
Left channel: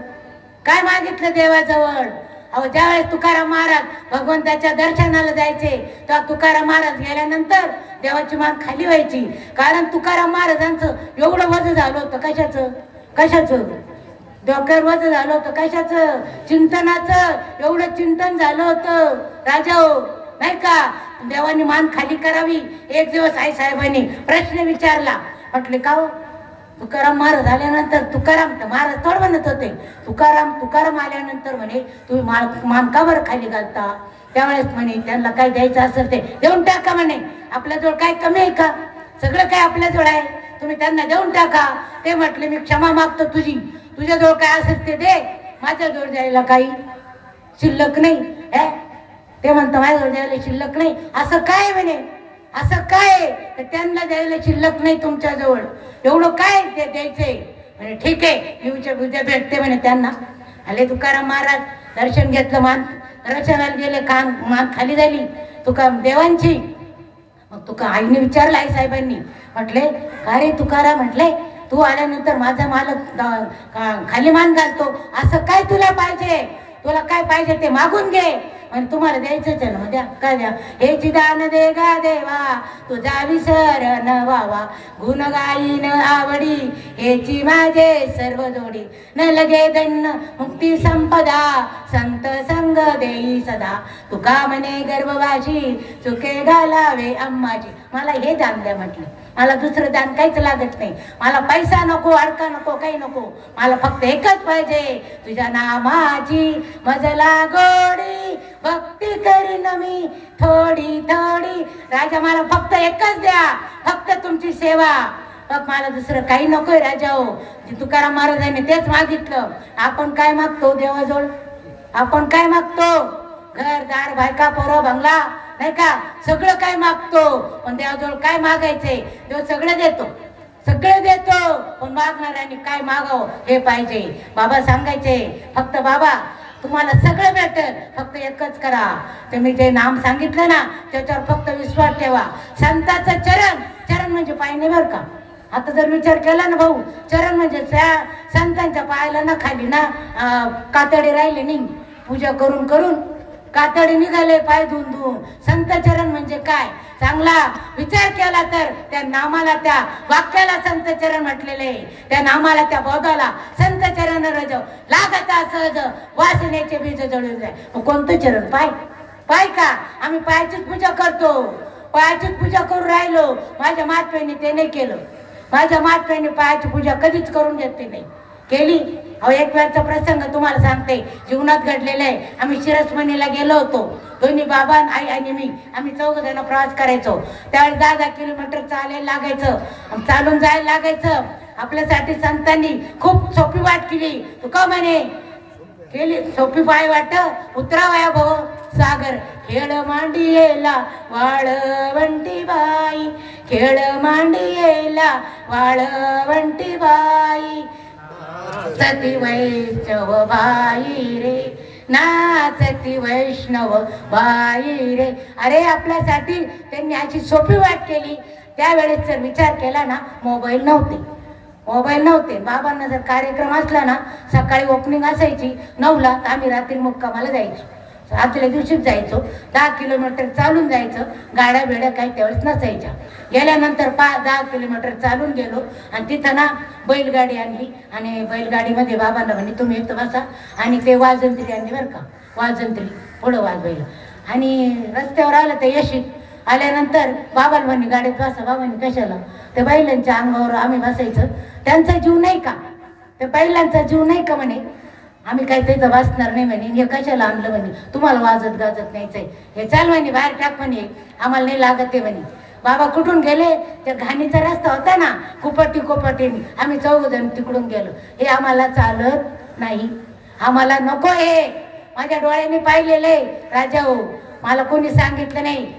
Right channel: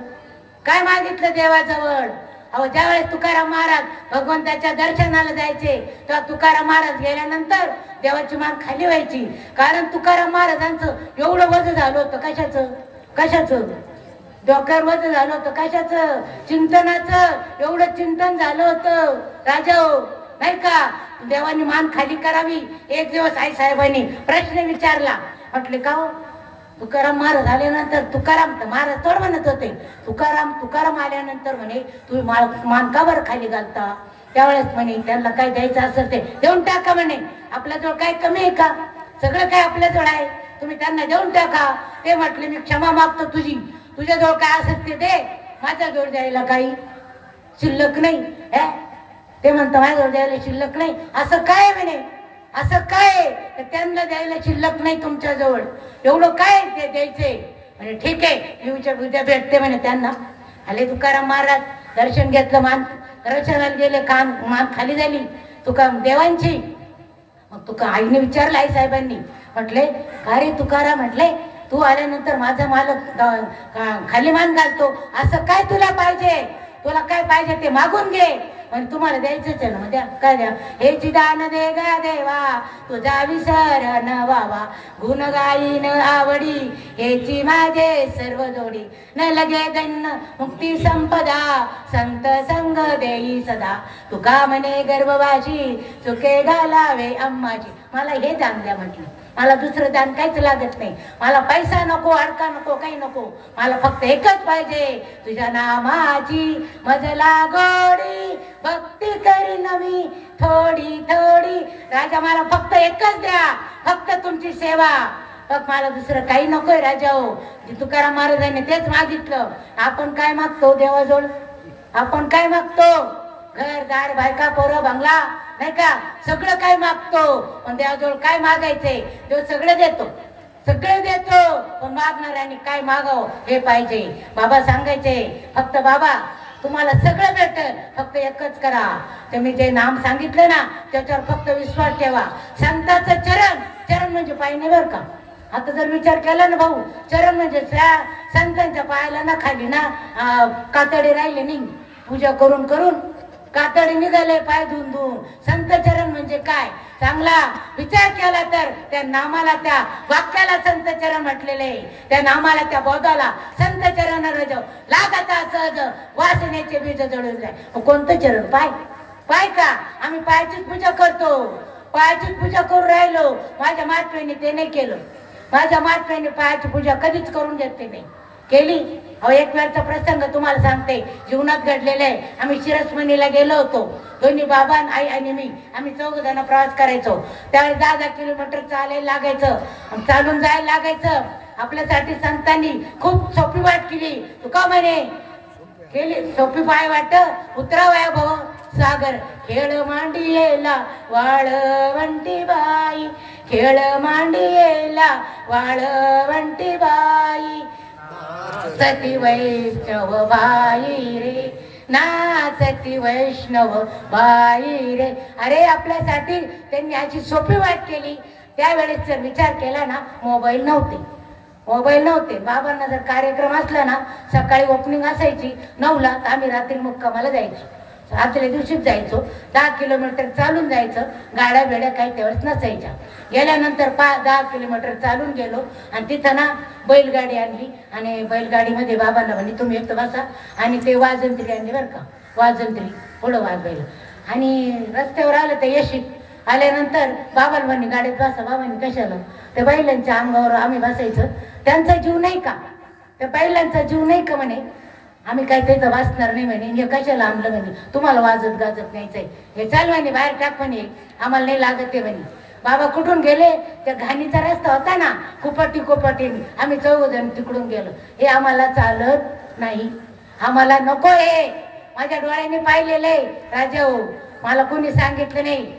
काय मागितलं देवाजवळ? अहो ज्यावेळेस तुकाराम महाराज भगवंताच्या दर्शनाला जायचे तेव्हा तुकाराम महाराज गेल्यानंतर देवाची मान खाली व्हायची. कारण तुकाराम महाराजांचं एवढं वजन झालं होतं. कशाचं, कशाचं डोक्यावर वजन झालं होतं, कशाचं? चिंतनाचं. एवढं चिंतन झालं होतं राजा हो, नाही का? देवानी मान खाली करावी. एक दिवस आई साहेबांनी प्रश्न विचारला. म्हटले का हो तुकाराम महाराज आल्यानंतर, तुकाराम महाराज थोड म्हणत होते, तुकाराम आल्यानंतर म्हणे तुम्ही मान का बरं खाली घालता? त्यावेळेस म्हणे त्यांना काय द्यायचं असेल ते देऊन टाका म्हणे. आपल्याजवळ काय कमी आहे का? सगळं काय आपल्याजवळ आहे, तुम्ही त्यांना देऊन टाका. ते म्हटले मी क्षमा मागतो तुझी, तुझ्याजवळ काय असेल ते दे, माझ्याजवळ द्यायला काही शिल्लक नाही. ते म्हणतं माझ्याजवळ द्यायला शिल्लक नाही. असं काय म्हणे, असं काय त्यांना द्यायला शिल्लक नाही तुमच्याजवळ, एवढं काय ते द्यायचंय? म्हणे ठीक आहे येऊच्या उद्या भेटते म्हणे. त्यांना आले तुकाराम महाराज, दर्शन घेतलं, मान दर्शनाला गेले, मान खाली झाली तुका देवांची. मग तुका आईने विचारलं, आई साहेबांनी म्हटले का रे तुकाराम, म्हटले तू आल्यानंतर माझा मालक खाली मान घालतो, असं काय तुला पाहिजे? तुला काय पाहिजे ते मागून घे. म्हणजे तुम्हाला द्यायचंच आहे ना, म्हणजे काय द्या? हे चिदान दे गा देवा तुझा विसर न व्हावा, गुण गाईन आवडी हेची माझे सर्व जोडी, न लगे दन्न मुक्ती संपदा संत संग देई सदा, तुका म्हणे गर्भवाशी चुके घालावे अम्माची. मला हे दान द्या म्हटलं, मला दुसरं दान काहीच लागत नाही. मला पैसा नको, अडका नको, काही नको, मला फक्त एकच पाहिजे, तुझ्या नामाची मजला गोडी भक्ती करीन मी थोडी थोडी. राजा मला फक्त एकच द्या, फक्त तुमची सेवा, फक्त मला दुसरं काही नकोय राजा हो. तुकाराम महाराजांनी तेच मागितलं. आपण काय मागतो देवाजवळ? आपण काय मागतो? घरदार, बायका, पोरं, बंगला, नाही का? सगळं काय मागतो. पण देवाजवळ काय मागायचंय? देव सगळं देतो, सगळं देतो. पण मागणाऱ्यांनी काय मागावं हे पाहिजे. बाबा सांगायचे फक्त बाबा तुम्हाला सगळं भेटेल, फक्त एकच करा. तुम्ही जे नाम सांगितलं ना त्याच्यावर फक्त विश्वास ठेवा. संताचं चरण, चरण म्हणजे पाय नाही बरं का. आता जर विचार केला ना भाऊ, चरण म्हणजे संतांच्या पायाला ना खाली ना कातडी राहिले नाही, पूजा करून करून कातडी निघाले पाय धुवून धुवून. संत चरण म्हणजे काय? चांगला विचार केला तर त्या नामाला, त्या वाक्याला संत चरण म्हटलेले आहे. त्या नामाला, त्या बोधाला संत चरण रज लागता सहज वासनेचे बीज जळून जाय. कोणतं चरण? पाय. पाय का? आम्ही पायाचीच पूजा करतो, पायाचीच पूजा करून राहिलो. माझ्या मातृने ते नाही केलं. माझ्या मातृने पायाची पूजा कधीच करून देते नाही केली. अहो एक वेळचा प्रसंग तुम्हाला सांगते, जीवनात घडलेला आहे. आम्ही शिरसमणीला गेलो होतो, दोन्ही बाबा, आई आणि मी. आम्ही 4 जण प्रवास करायचो. त्यावेळेस 10 किलोमीटर चालायला लागायचं, चालून जायला लागायचं. आपल्यासाठी संतांनी खूप सोपी वाट केली. तुका म्हणे केली सोपी पाय वाट, उतरावया भाऊ सागर, खेळ मांडियेला वाळवंटी बाई, खेळ मांडियेला वाळवंटी बाई, नाचती वैष्णव बाई रे, नाचती वैष्णव बाई रे. अरे आपल्यासाठी त्यांनी अशी सोपी वाट केली. त्यावेळेस जर विचार केला ना, मोबाईल नव्हते. बाबांना जर कार्यक्रम असला ना, सकाळी ओपनिंग असायची 9ला, तर आम्ही रात्री मुक्कामाला जायचो. आदल्या दिवशीच जायचो. 10 किलोमीटर चालून जायचं. गाड्या बेड्या काही त्यावेळेस नसायच्या. गेल्यानंतर 10 किलोमीटर चालून गेलो आणि तिथं ना बैलगाडी आणली आणि बैलगाडीमध्ये बाबांना म्हणे तुम्ही एक बसा, आणि ते वाजंत्री आणली बरं का, वाजंत्री पुढं वाजवायला. आणि रस्त्यावर आलं तर येशीत आल्यानंतर बाबाला म्हणे गाडीत बसा. बाबांनी कशाला? ते बैलांच्या अंगावर आम्ही बसायचं. त्यांचा जीव नाही का? त्या बैलांचा जीव नाही का म्हणे? आम्ही काय तिथं वाचणार नाही म्हणे, हे कशाला आणलं म्हणे, तुम्हाला वाजत गाजत न्यायचंय, हे चाल म्हणे बाहेर टाक म्हणे, आम्हाला नाही लागत आहे म्हणे. बाबा कुठून गेले, त्या घाणीचा रस्ता होता ना कोपटीने, आम्ही 4 जण तिकडून गेलो. हे आम्हाला चालत नाही, आम्हाला नको. हे माझ्या डोळ्यांनी पाहिलेले राजा हो, मला कोणी सांगितलं नाही,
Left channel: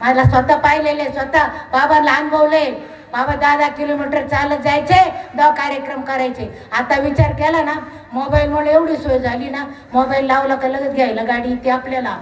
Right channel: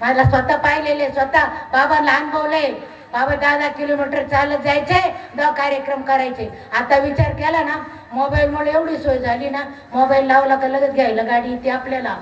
मला स्वतः पाहिलेले, स्वतः बाबांना अनुभवले. बाबा 10 किलोमीटर चालत जायचे, 10 कार्यक्रम करायचे. आता विचार केला ना, मोबाईलमुळे एवढी सोय झाली ना, मोबाईल लावला का लगेच घ्यायला गाडी येते आपल्याला.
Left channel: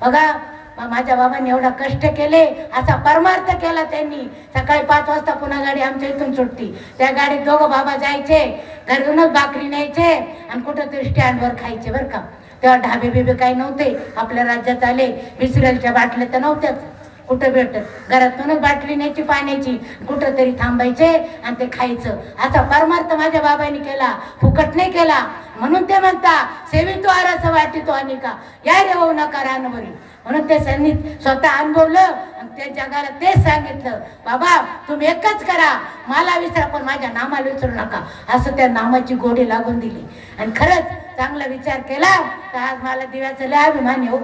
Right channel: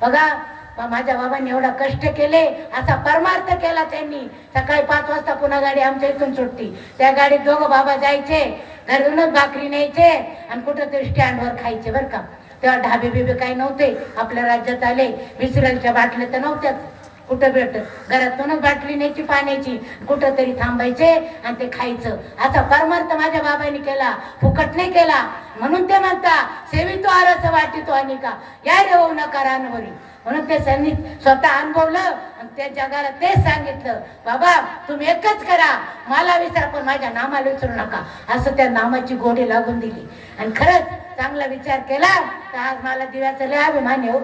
बघा माझ्या बाबांनी एवढा कष्ट केले, असा परमार्थ केला त्यांनी. सकाळी 5 वाजता पुन्हा गाडी आमच्या इथून सुटती, त्या गाडीत दोघं बाबा जायचे, घरूनच भाकरी न्यायचे आणि कुठंतरी स्टँडवर खायचे बरं का. तेव्हा ढाबे बिबे काही नव्हते आपल्या राज्यात आले, विसरलच्या बाटल्या तर नव्हत्याच कुठं भेटत, घरातूनच बाटली न्यायची पाण्याची, कुठं तरी थांबायचे आणि ते खायचं. असा परमार्थ माझ्या बाबांनी केला, फुकट नाही केला. म्हणून ते म्हणता सेवितो आराचं वाटितो अनिका, या रे होऊ नका रानवरी. म्हणून ते त्यांनी स्वतः अनुभवलं आणि त्या जगाला तेच सांगितलं, बाबा तुम्ही एकच करा, मला विसरा पण माझ्या नामाला विसरू नका. असं त्या नामाची गोडी लागून दिली. आणि खरंच चांगला विचार केला तर आज मला दिव्याचा लय अभिमान आहे,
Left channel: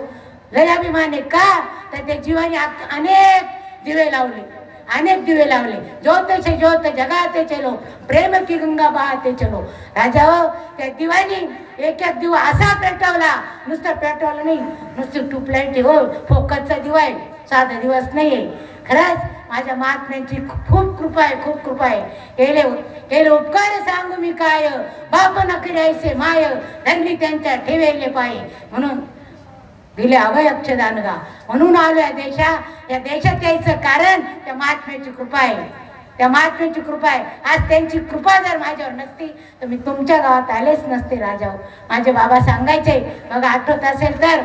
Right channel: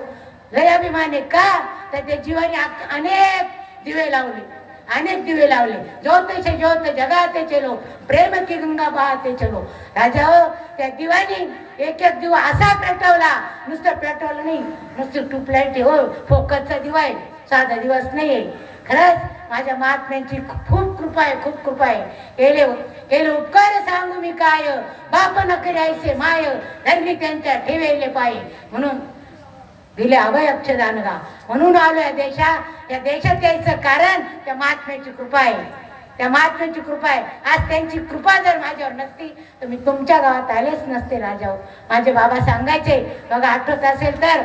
लय अभिमान आहे. का तर त्या जीवाने अनेक दिवे लावले, अनेक दिवे लावले. ज्योत से ज्योत जगाते चलो, प्रेम की गंगा बहाते चलो. राजा हो, त्या दिवानी एक एक दिवा असा पेटवला, नुसतं पेटवलं नाही, नुसती ट्यूबलाईट हो, फोकसचा दिवा आहे, साधा दिवस नाहीये. खरंच माझ्या महात्म्यांची खूप कृपा आहे, खूप कृपा आहे. केले उपकार सांगू मी काय, बाप न करायचे माय, धरली त्यांच्या ठेवेले पाय. म्हणून दिले अभय अक्षदान गा, म्हणून आलो या देशात यायचं कारण त्या महात्म्याची कृपा आहे, त्या महात्म्याची कृपा आहे. आज त्यांची कृपा जर माझ्यावर नसती तर मी तुमच्या गावात आलेच नसते राजा. माझे बाबा सांगायचे बघा, आठवत असेल तर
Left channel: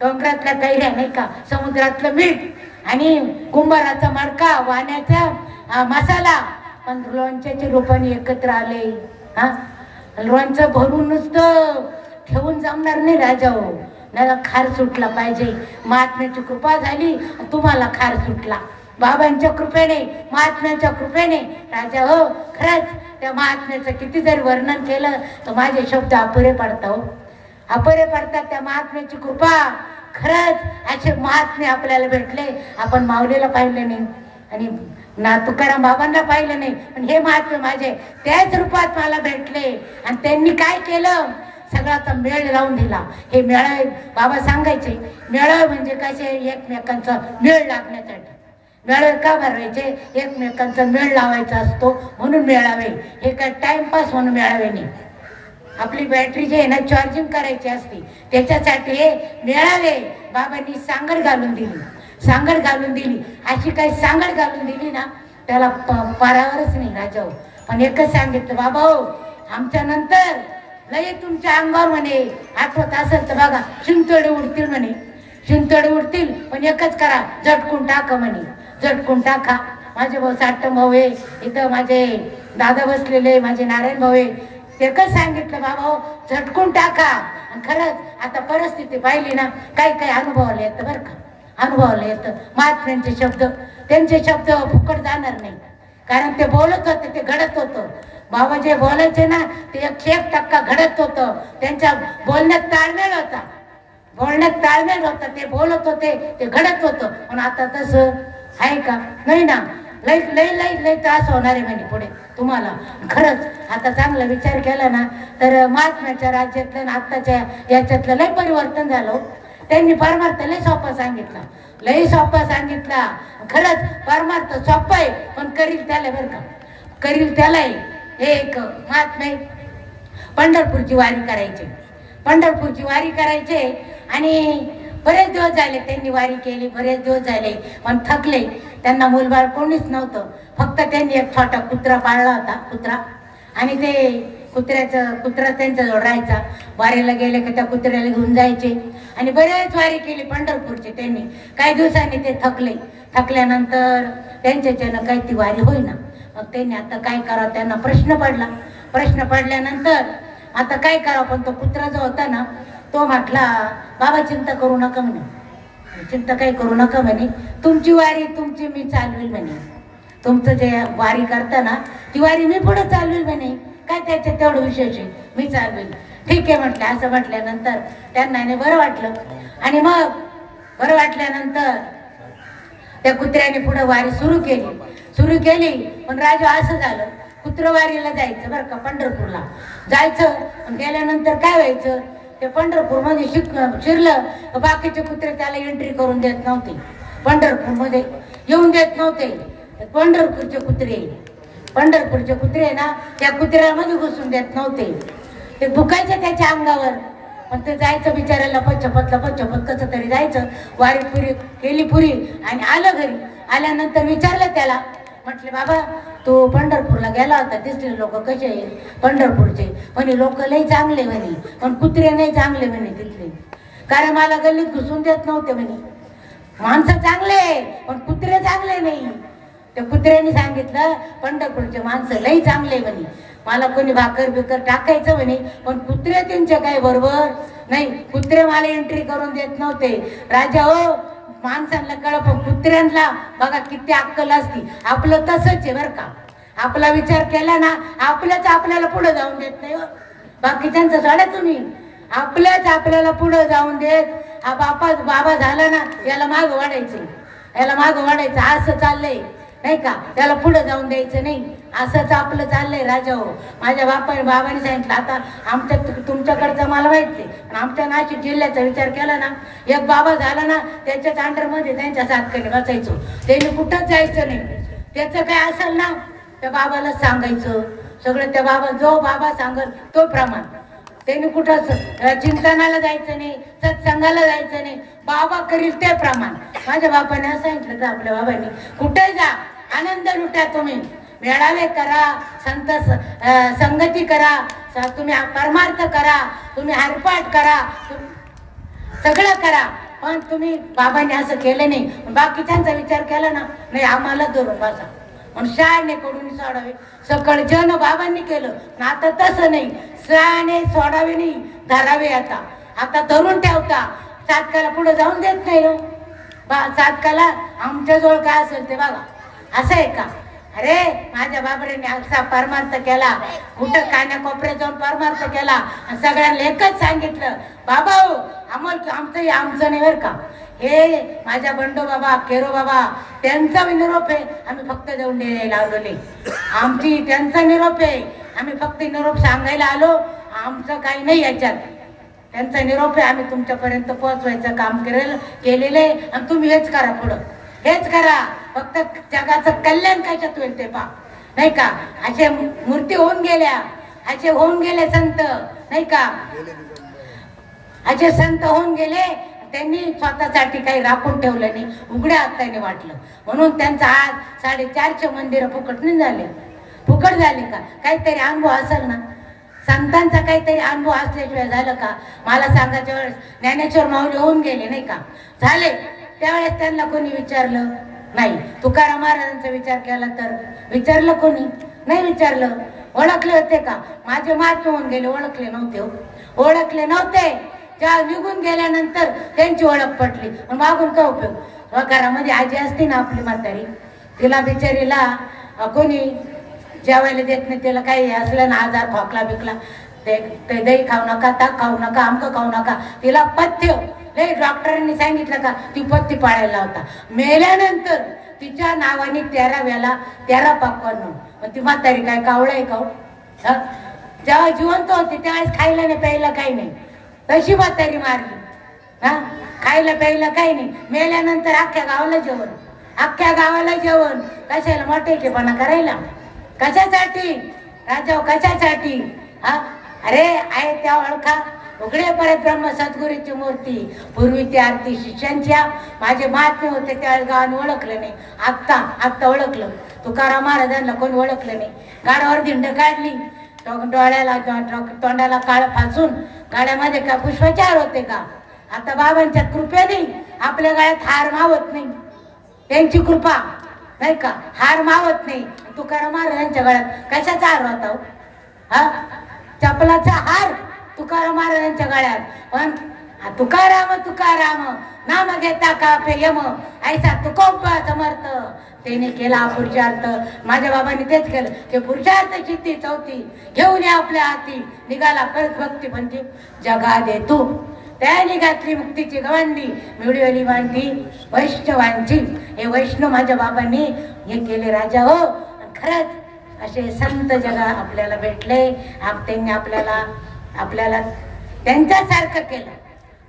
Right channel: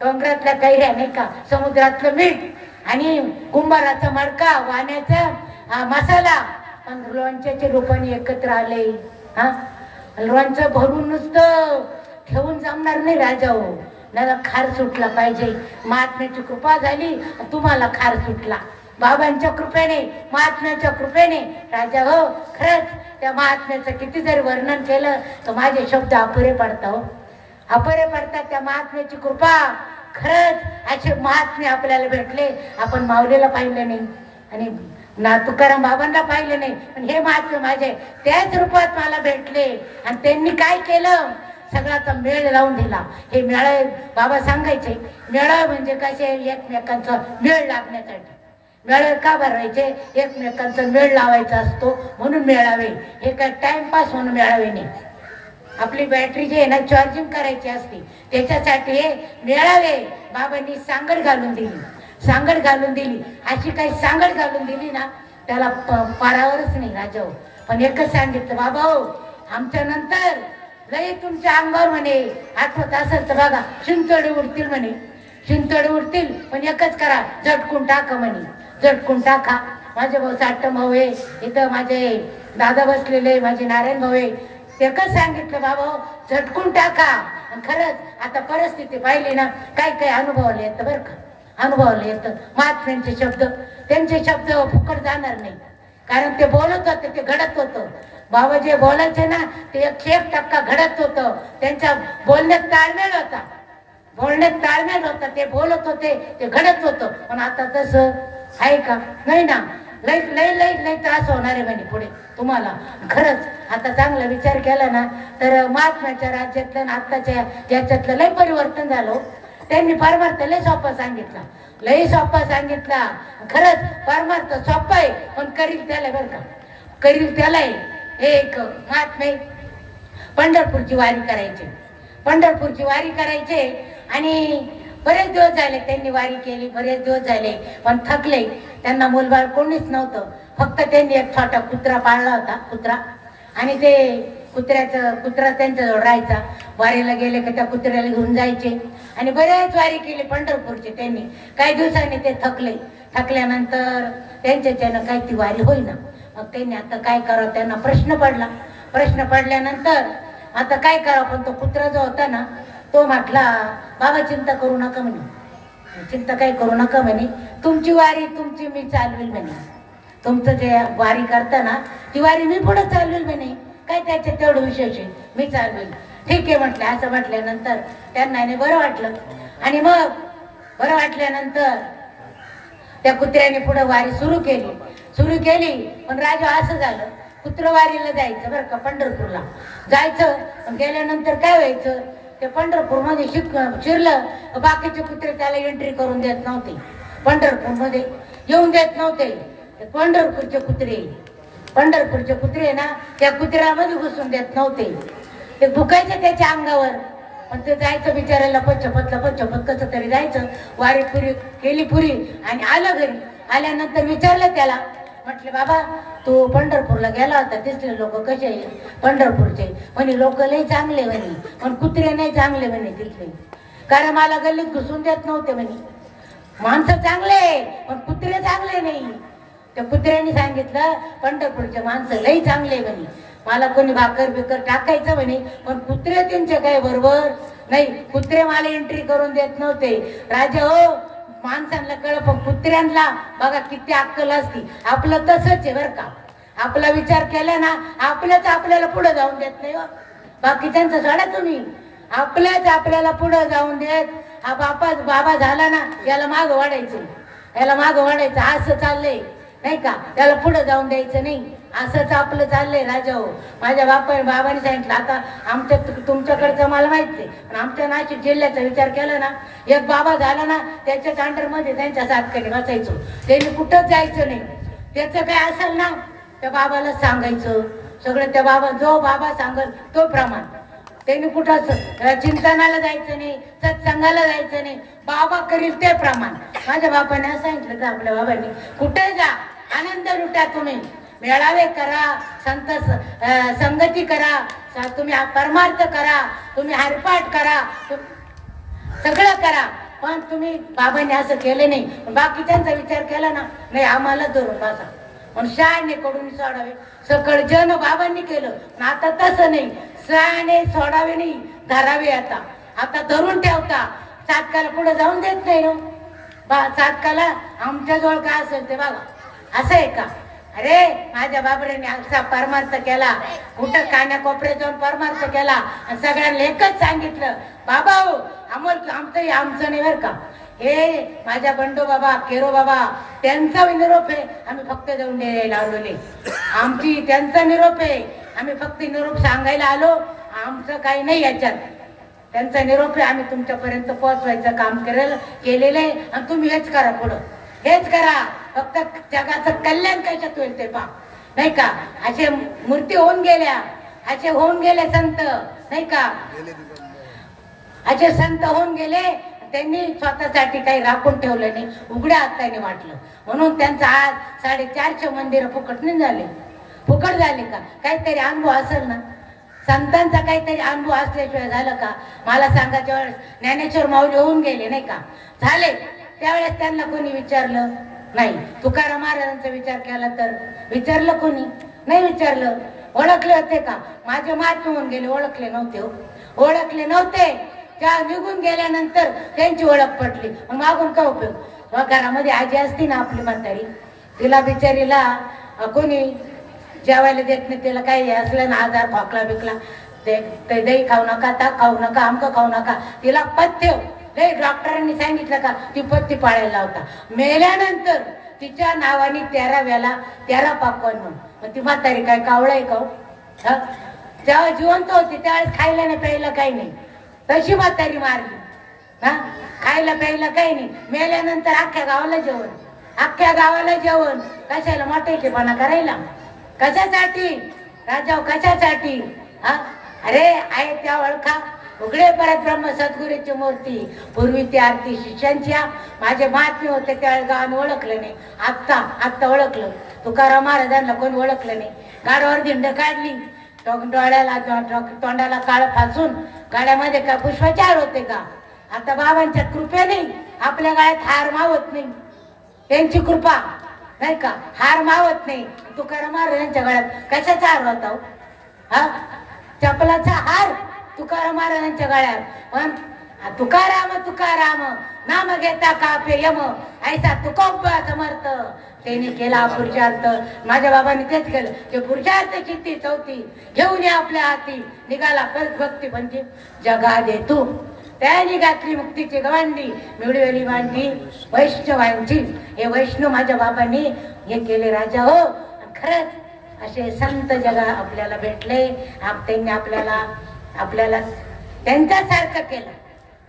डोंगरातल्या कैऱ्या नाही का, समुद्रातलं मीठ आणि कुंभाराचा मडका, वाण्याचा मसाला, पण लोणच्याचे रूपाने एकत्र आले. हा लोणचं भरून नुसतं ठेवून जमणार नाही राजा हो, मला खार सुटला पाहिजे. महात्म्याची कृपा झाली, तुम्हाला खार सुटला बाबांच्या कृपेने, महात्म्याच्या कृपेने. राजा हो, खरंच त्या महात्म्याचं किती जरी वर्णन केलं तर माझे शब्द अपुरे पडतात हो, अपुरे पडतात. त्या महात्म्याची कृपा, खरंच असे महात्मे आपल्याला भेटले. आपण माऊलीला पाहिलं नाही आणि ना तुकाराम बाबांना पाहिलं नाही, पण हे महात्मे माझे त्याच रूपात मला भेटले. आणि त्यांनी काय केलं, सगळ्याचा मेळ लावून दिला. हे मेळ बाबा सांगायचे, मेळ म्हणजे कसे, एकमेकांचा मेळ लागण्यासाठी. मेळ का भरायचे, एकमेकांचा मेळ लावायचा असतो म्हणून मेळावे. हे काय टाइमपास म्हणून मेळावे नाही. आपली बॅटरी जी आहे ना, चार्जिंग करायची असते, त्याच्यासाठी हे मेळावे. बाबांनी सांगड घालून दिली, सांगड घालून दिली. अशी काही सांगड घालून दिली ना, त्याला पारावरच नाही राजा हो. पण एकच सांगितलं, बाबा हो, आमच्या नंतर लई तुमच्या अंगावर म्हणे, आठवत असेल तर बघा, शिंतोडे उडतील म्हणे, शिंतोडे उडतील, पण एकच करा, झटकून टाका म्हणे, झटकून टाका. माझे भाऊ साठम भाऊ आहे इथं, माझे दादा बसलेले, माझे नारायण भाऊ आहे, एकच सांगितलं, बाबा झटकून टाका. आणि खरंच आता परिस्थिती पाहिली ना, काही काही अनुभवाला येतं बरं का, अनुभवाला येतं. महात्म्यांचे शब्द, त्यांचे शब्द फुकट जाणार नाही, कारण ते बोलत होते, ते घडत होतं. बाबा जे बोलायचे ना, ते 100% घडत होतं. त्यांच्या बोलण्यात ताळमेळ होता, बोलण्यात ताळमेळ होता. ते बोलत होते, ते घडत होतं. पण आता तसं आहे का, नाही ना. लई लई लई लई त्रास होणार आहे म्हणे पुढे तुम्हाला. खरंच आता चांगला विचार केला ना, तर महात्म्याच्या राज्यातलं आत्ताच्या याच्यातलं लई परिवर्तन झालं. त्यांनी परमार्थ लई सोपा सांगितला, लई सोपा सांगितला. खरंच परमार्थ सोपा आहे, पण करील त्याला बरं का, करील त्याला. एक महात्मे पंढरपूरची वारी करायचे, पंढरपूरची वारी करायचे. आणि बरेच दिवस झाले त्यांनी वारी केली, बरेच दिवस झाले, पण थकले. त्यांना मुलबाळ कोणीच नव्हतं, फक्त त्यांनी एक छोटा कुत्रा पाळला होता, कुत्रा. आणि ते कुत्रा त्यांच्याजवळ राहायचा. वारीला गेले की त्या कुत्र्याला घेऊन जायचे. आणि बरेच वारी केली पंढरपूरची त्यांनी. काही दिवसांनी ते थकले, थकल्यानंतर त्यांच्याच्यानं काही ती वारी होईना. मग त्यांनी आता काय करावं, त्यांना प्रश्न पडला. प्रश्न पडल्यानंतर आता काय करावं, पण तो कुत्रा जो होता ना, तो म्हटला, बाबा चिंता करू नका म्हणे, चिंता काही करू नका म्हणे, तुमची वारी तुमची मी चालवेल म्हणे, तुमचं जे वारी करता ना ती वारी मी पुढे चालवेल म्हणे, काय त्याच्यात तेवढं विशेष आहे, मी चालवेल. ठीक आहे म्हटलं. असं म्हटल्यानंतर त्यांना बरं वाटलं. आणि मग बरं वाटल्यानंतर त्या कुत्र्याने पुढे वारी सुरू केली. पण राजा असं झालं, कुत्रवारीला जायचं बरं का, पंढरपूरला जायचं. पण गेल्यानंतर काय व्हायचं, ते पंढरपूरमध्ये शिरलं, बाकीचे कुत्रे त्याला एंट्री करून देत नव्हते, पंढरपूरमध्ये येऊन देत नव्हते. पंढरपूरचे कुत्रे ना त्या कुत्र्यामध्ये घुसून देत नव्हते. ते भुकायचे त्याच्या अंगावर. पण ते जायचं बिचारायला पच्चपत कसं तरी जायचं. वारी पुरी केली पुरी आणि आलं घरी. आल्यानंतर विचारलं त्याला, म्हटले बाबा तू पंढरपूरला गेला होता, तिथले लोक कसे आहे पंढरपूरचे? म्हणे लोक लय चांगले म्हणे, पण कुत्रे नाही चांगले म्हणे तिथले, कारण मला गल्लीत घुसून देत नव्हते म्हणे. माणसं चांगले पण कुत्रे चांगले नाही. त्या कुत्र्यांनी सांगितलं पंढरपूरचे माणसं लय चांगले म्हणे, मला कोणी भाकर बिकर टाकायचं म्हणे, पण कुत्रे त्यांच्या काही बरोबर नाही. कुत्रे मला एंट्री करून देत नव्हते. राजा हो, माणसांना कळ पण कुत्र्यांना बघा किती अक्कल असती. आपलं तसंच आहे बरं का. आपला विचार केला ना, आपल्याला पुढे जाऊन देत नाही. बाकी त्यांचं सोडा तुम्ही, आपल्याला पुढे जाऊन देत. हा बाबा झाला ना, याला माग वाढायचं. असं चाललंय नाही का, त्याला पुढे जाऊन द्यायचं नाही, असंच आपलं चाललंय. राजा हो, माझ्या बाबाने सांगितलं. आता तुमच्याकडचं मला माहित नाही, पण आमच्या नाशिक जिल्ह्याचा विचार केला ना, एक बाबा झाला ना, त्याच्या अंडरमध्ये त्यांच्या साथकडे बसायचो. त्यांनी कुठंच जायचं नाही. त्याचं काय असेल ना त्या बाबाला सांगायचं सगळं. त्या जो बाबा सांगल तो प्रमाण. त्यांनी कुठं चिंतनाला जायचं नाही, सत्संगाला जायचं नाही, बाबा करील ते प्रमाण. माझ्या बाबाने असं सांगितलं, तर आपल्या बाबांनी कुठे जा, आनंद लुटा, तुम्ही मेळावे करा, संगती करा, तुम्ही परमार्थ करा, तुम्ही हरिपाठ करा, सगळं करा. पण तुम्ही बाबांनी असं केलं नाही. बाकीच्यांचा विचार केला ना, नाही आम्हाला धरून बसा, पण शहाणे कडून सोडावे. सकळ जन बाबांनी केलं, आता तसं नाही. शहाणे सोडावे नाही, धरावे. आता धरून ठेवता, साधकाला पुढे जाऊन देत नाही. साधकाला आमच्या जवळ काय असेल ते बघा, असं आहे का? अरे माझ्या बाबड्याने असा परमार्थ केला, कुठं कान्या कोपऱ्यात जाऊन परमार्थ केला, आणि सगळ्यांना एकच सांगितलं, बाबा हो आमचं नाही बरं का, हे माझ्या बंडू बाबा, केरो बाबा, त्यांचा निरोप आहे, आम्ही फक्त जाऊन द्यायला लावलेले. त्यांचा निरोप आहे, आम्ही फक्त निरोप सांगायला आलो, आमचं काही नाही याच्यात. त्यांचा निरोप आहे, आम्ही तुमच्यापर्यंत पोहोचवायचं काम केलेलं आहे, आणि तुम्ही हेच करा, पुढं हेच करा. फक्त जगाचं कल्याण कशात होईल ते पहा, नाही का. असे मूर्ती होऊन गेल्या, असे होऊन गेले संत, नाही का. असे संत होऊन गेले, त्यांनी स्वतःसाठी काही राखून ठेवलं नाही, उघड्या हाताने वाटलं. म्हणून त्यांचा आज 450 मंदिरं फुकट नाही झाले. फुकट झाले का? काहीतरी अनुभव असेल ना, संतांचा काहीतरी अनुभव असल्याशिवाय झालं का? मला सांगायच्या वेळेस ज्ञानेश्वर माऊली होऊन गेले, नाही का, झाले. त्यावेळेस त्यांना कोणी विचारलं नाही. तुकाराम महाराजांचा विचार केला तर विचारलं कोणी नाही विचारलं. ओळखले होते का? माझे महात्मा होऊन गेले, ओळखले नव्हते. त्या निघून गेल्यानंतर त्यांची ओळख पटली, मागून काय उपयोग? घरामध्ये आजी असते ना आपली म्हातारी, तिला बिचारीला कोणी जेवायला देत नाही. तिला काही असलं ना, आजार खोकला बिकला, ते दही खाऊ नका, ताक खाऊ नका, आमकं खाऊ नका, तिला पथ्य लय डॉक्टरांनी सांगितलं का ती पथ्य पाळायला होता. मेल्यानंतर तिच्या नावाने 13 वेळा 13 पाकवान. मग ती म्हातारी काय कावळ आहे का? जेव्हा जिवंत होती त्यावेळेस खायला नाही प्यायला काही नाही, तशी म्हातारी मारली. खायला प्यायला काही नाही, मेल्यानंतर अख्ख्या गावाला जेवण. कशाला? मोठेपणा करायला? कशासाठी राजा, कशासाठी? अरे आहे त्या ओळखा. उघडे परत ब्रह्म सद्गुरूची मूर्ती, पूर्वी ती आरती शिष्यांच्या. माझे महात्मे होते त्यावेळेस गावाने ओळखलं नाही, आत्ता ओळखलं. तुकाराम महाराजांना कोणी ओळखलं नाही. गाडावर धिंड काढली, डोळ्याला तोंडाला काळ फासून गाड्यामध्ये का पुष्पाचार होते का? आता बाबांच्या कृपेने आपल्या गाड्यात हार मावत नाही, त्यांची कृपा, नाही का. हार मावत नाही. तुकाराम महाराजांच्या गळ्यात कशाचा हार होता? चपलाचा हार तुकाराम महाराजांच्या गळ्यात. पण तुकाराम नाम घेता कापे यम ऐसा तुकोबा समर्थ. त्याने केला पुरुषार्थ. माझ्या बाबांनी तेच केलं. ते पुरुषार्थ चित्ती चौथी घेऊन या आपल्या हाती निघाला कळत भक्ती म्हणजे जगा दे तू. त्याने घातली मुक्तीची गवांडी मिळवली मांडी वैष्णवांची. हे वैष्णव माझ्या बाबांनी हे केले राजा हो. खरंच असे संत जगा आपल्याला भेटले. त्यांनी आपल्याला त्यांच्यासारखं केलं.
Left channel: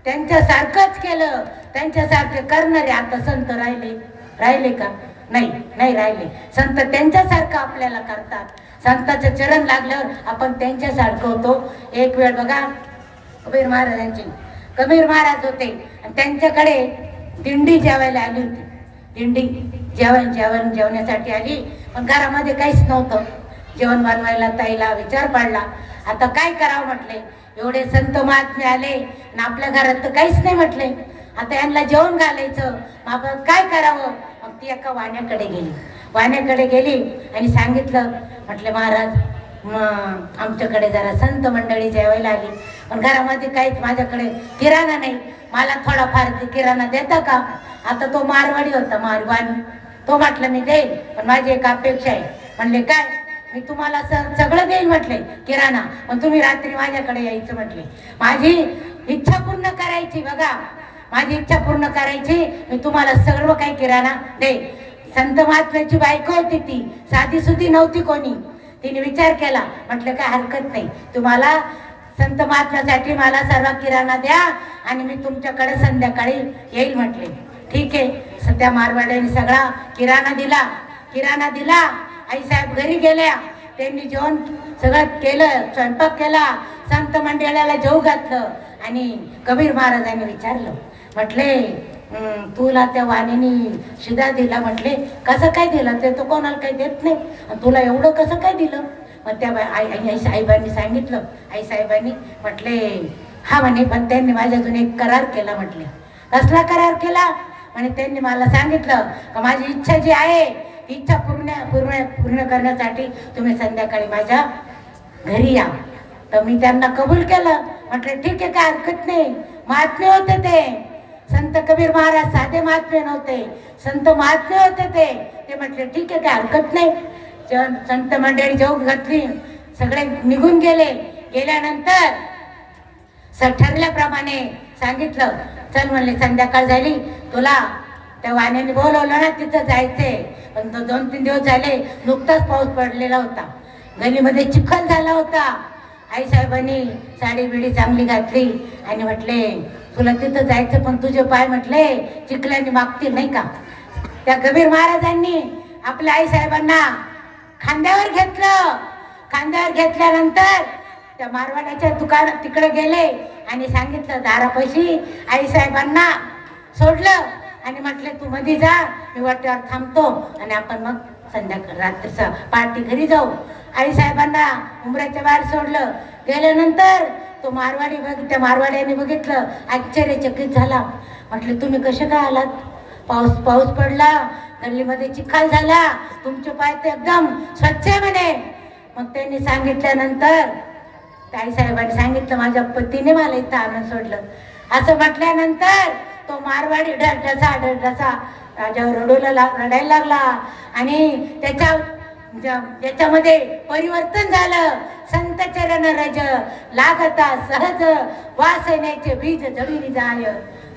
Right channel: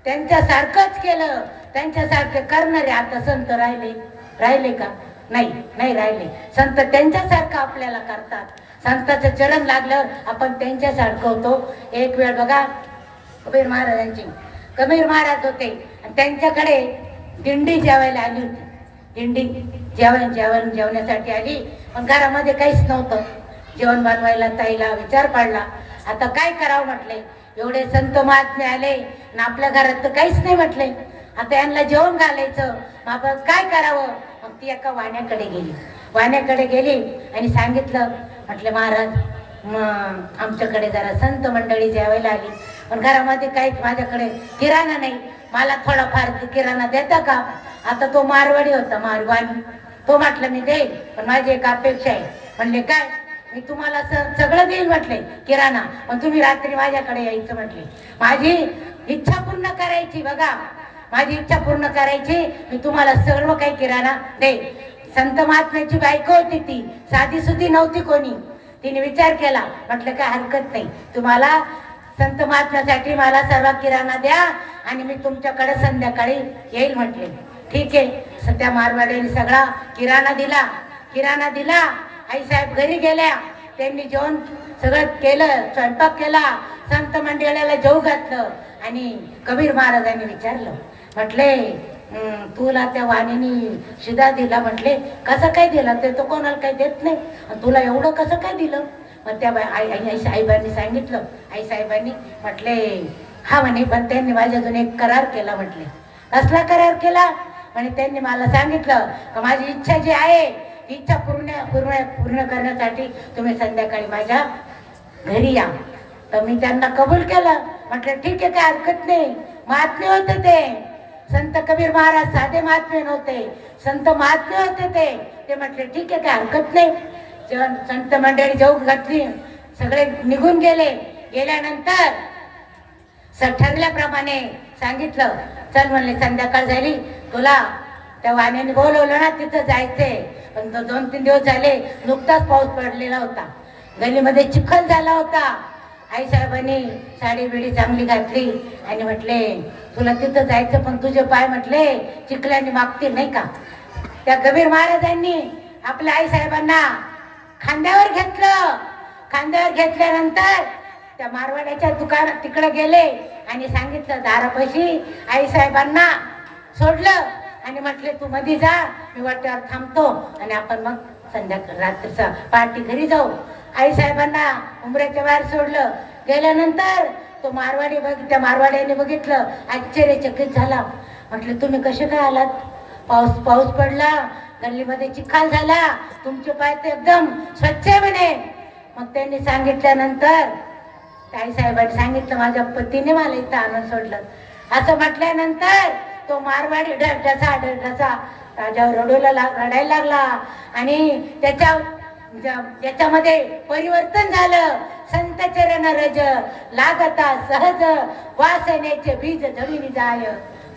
त्यांच्यासारखंच केलं. त्यांच्यासारखे करणारे आता संत राहिले का? नाही राहिले. संत त्यांच्यासारखं आपल्याला करतात. संताचं चरण लागल्यावर आपण त्यांच्यासारखं होतो. एक वेळ बघा कबीर महाराज होते आणि त्यांच्याकडे दिंडी जेवायला आली होती. दिंडी जेवण्यासाठी आली. पण घरामध्ये काहीच नव्हतं. जेवण बनवायला ताईला विचार पडला. आता काय करावं म्हटले. एवढे संत महात्मे आले आणि आपल्या घरात तर काहीच नाही म्हटले. आता यांना जेवण घालायचं. आपण काय करावं. मग ती एका वाण्याकडे गेली आणि सांगितलं. म्हटलं महाराज आमच्याकडे जरा संत मंडळी जेवायला आली पण घरामध्ये काही माझ्याकडे किराणा नाही. मला थोडाफार किराणा देता का? आता तो मारवाडी होता. मारवाडी तो म्हटलं मी देईल पण माझी एक अपेक्षा आहे. म्हणले काय? मी तुम्हाला सगळं देईल म्हटले किराणा पण तुम्ही रात्री माझ्याकडे यायचं म्हटले. माझी इच्छा पूर्ण करायची. बघा माझी इच्छा पूर्ण करायची. मी तुम्हाला सर्व काही किराणा देईल. संत महात्म्याची बायको होती. ती साधी सुधी नव्हती कोणी. तिने विचार केला. म्हटलं काय हरकत नाही. तुम्हाला संत महात्म्यासाठी मला सर्व किराणा द्या आणि मी तुमच्याकडे संध्याकाळी येईल म्हटले. ठीक आहे. सध्या मारवाड्याने सगळा किराणा दिला. आई साहेब घरी गेल्या. त्यांनी जेवण सगळं केलं. स्वयंपाक केला. संत मंडळाला जेवू घातलं आणि कबीर महाराजांनी विचारलं. म्हटले तुला त्या वाणीने शिदा दिला. म्हटले कसं काय दिला? ते तो कोणाला काही देत नाही. तुला एवढं कसं काय दिलं? मग त्या आई साहेबांनी सांगितलं. आई साहेबांनी म्हटले हा म्हणे पण त्यांनी माझ्यातून एक करार केला. म्हटले कसला करार केला? आणि त्यांनी मला सांगितलं का माझी इच्छा जी आहे इच्छा पूर्ण करण्यासाठी तुम्ही संध्याकाळी माझ्या घरी या. तर मी त्यांना कबूल केलं. म्हटलं ठीक आहे काय हरकत नाही. महात्मे होते ते संत कबीर महाराज. साधे महात्मे नव्हते. संत महात्मे होते ते म्हटले ठीक आहे काय हरकत नाही. संत मंडळी जेवून घातली. सगळे निघून गेल्यानंतर ठरल्याप्रमाणे सांगितलं. चल म्हणले संध्याकाळ झाली. तुला त्या वाण्याने बोलवलं ना तिथं जायचंय. पण 2-3 दिवस झाले नुकताच पाऊस पडलेला होता. गलीमध्ये चिखल झाला होता. आई साहेबांनी साडी बिडी चांगली घातली आणि म्हटले तुला तिथं जायचं पण तुझे पाय म्हटले चिखलाने मागतील नाही का. त्या कबीर महाराजांनी आपल्या आई साहेबांना खांद्यावर घेतलं. खांद्यावर घेतल्यानंतर त्या मारवाड्याच्या दुकानात तिकडे गेले आणि सांगितलं दारापाशी आई साहेबांना सोडलं आणि म्हटले तू मध्ये जा मी वाट्यावर थांबतो आणि आपण मग संध्याकाळ रात्रीचा पार्टी घरी जाऊ. आई साहेबांना उमऱ्याच्या बाहेर सोडलं. गेल्यानंतर तो त्या मारवाड्याने बघितलं. आश्चर्यचकित झाला. म्हटले तुम्ही कसे काय आलात? पाऊस पडला. गल्लीमध्ये चिखल झाला. तुमचे पाय तर एकदम स्वच्छ म्हणे. मग त्यांनी सांगितल्यानंतर आई साहेबांनी सांगितलं माझ्या पतीने मला इथं आणून सोडलं. असं म्हटल्यानंतर तो मारवाडी ढसा राजावर रडायला लागला आणि त्याच्यामध्ये परिवर्तन झालं. संत चरण रज लागता सहज वासनेचे बीज जमिनी जाय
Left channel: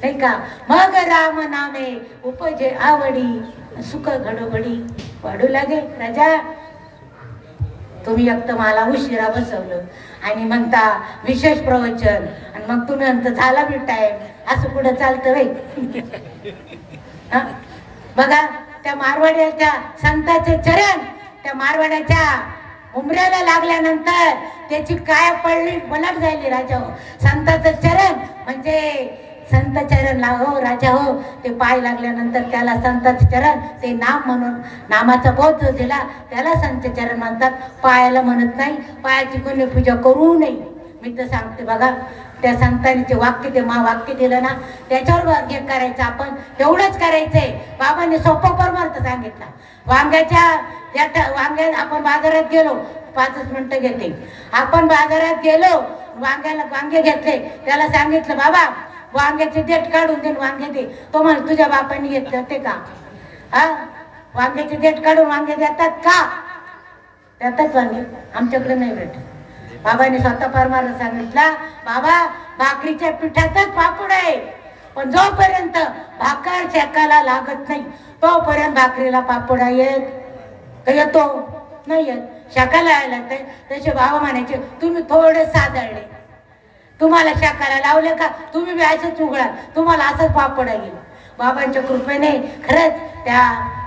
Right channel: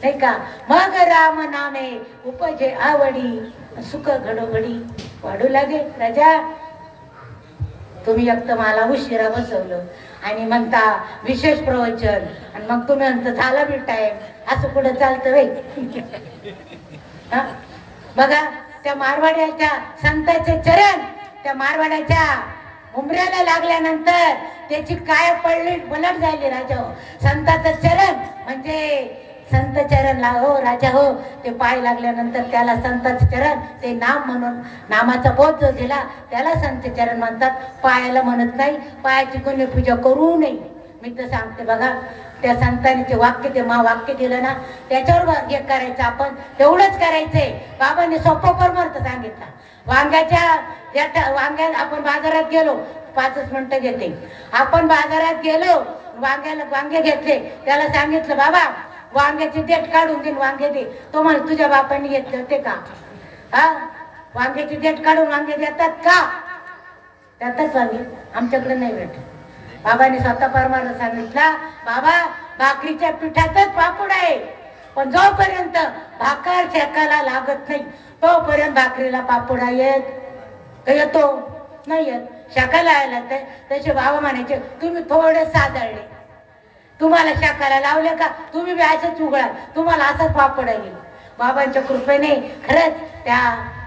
नाही का. मग राम नामे उपजे आवडी सुख घडोघडी वाढू लागे. राजा तुम्ही एक तर मला उशिरा बसवलं आणि म्हणता विशेष प्रवचन आणि मग तुम्ही म्हणता झाला बी टाइम. असं पुढे चालतं वे. बघा त्या मारवाड्याच्या संताचे चरण त्या मारवाड्याच्या उमऱ्याला लागल्यानंतर त्याची काय पलट झाली. राजा हो संताचं चरण म्हणजे संत चरण हो राजा हो. ते पाय लागल्यानंतर त्याला संताचे चरण ते नाम म्हणून नामाचा बोध जो दिला त्याला संत चरण म्हणतात. पायाला म्हणत नाही. पायाची कोणी पूजा करू नये. मी तर सांगते बघा त्या संतांनी जे वाक्य दिलं ना त्याच्यावर हे करायचं. आपण तेवढंच करायचंय. बाबांनी सोपं परमार्थ सांगितला. वांग्या आपण बाजारात गेलो 5 मिनिटं घेते. आपण बाजारात गेलो वांगे घेतले. त्याला सांगितलं बाबा वांग्याचे देठ काढून देईन, वांगे दे. तो म्हण तुझ्या बापाने घेतलं ते का? हा, वांग्याचे देठ काढून वांगे देतात का? देतात वांगे, आमच्याकडे नाही भेटत. बाबाने स्वतः परमाला सांगितला, बाबा भाकरीच्या पिठातच पापड आहे, पण जोपर्यंत भाकर शेकायला लागत नाही तोपर्यंत भाकरीला पापड येत तर येतो नाही येत. शेकायला यायला तसे बाबा म्हणायचे तुम्ही थोडे साधळले, तुम्हाला शेकायला लावले का तुम्ही बी असंच उघडा, तुम्हाला असंच पापड येईल. बाबांच्या कृपेने खरंच त्या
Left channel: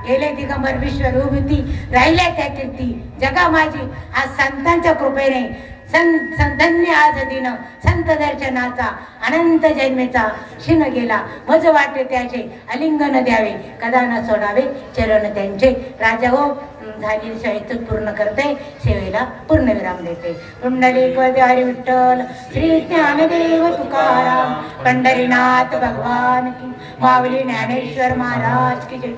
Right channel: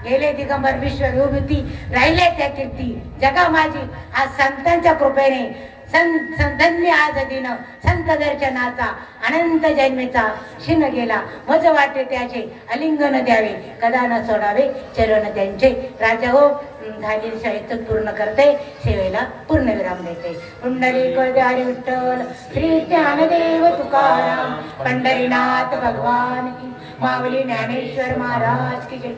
गेले दिगंबर विश्वरूपी राहिल्या त्या कीर्ती जगा माझी. आज संतांच्या कृपेने संतांनी आज दिन संत दर्शनाचा अनंत जन्मेचा क्षीण गेला. मज वाटे त्याचे अलिंगन द्यावे, कदा न सोडावे चरण त्यांचे. राजा हो झालेली साहित्य पूर्ण करते, सेवेला पूर्णविराम देते. पुंडलिक हरी विठ्ठल, श्री ज्ञानदेव तुकाराम, पंढरीनाथ भगवान की, माऊली ज्ञानेश्वर महाराज की जय.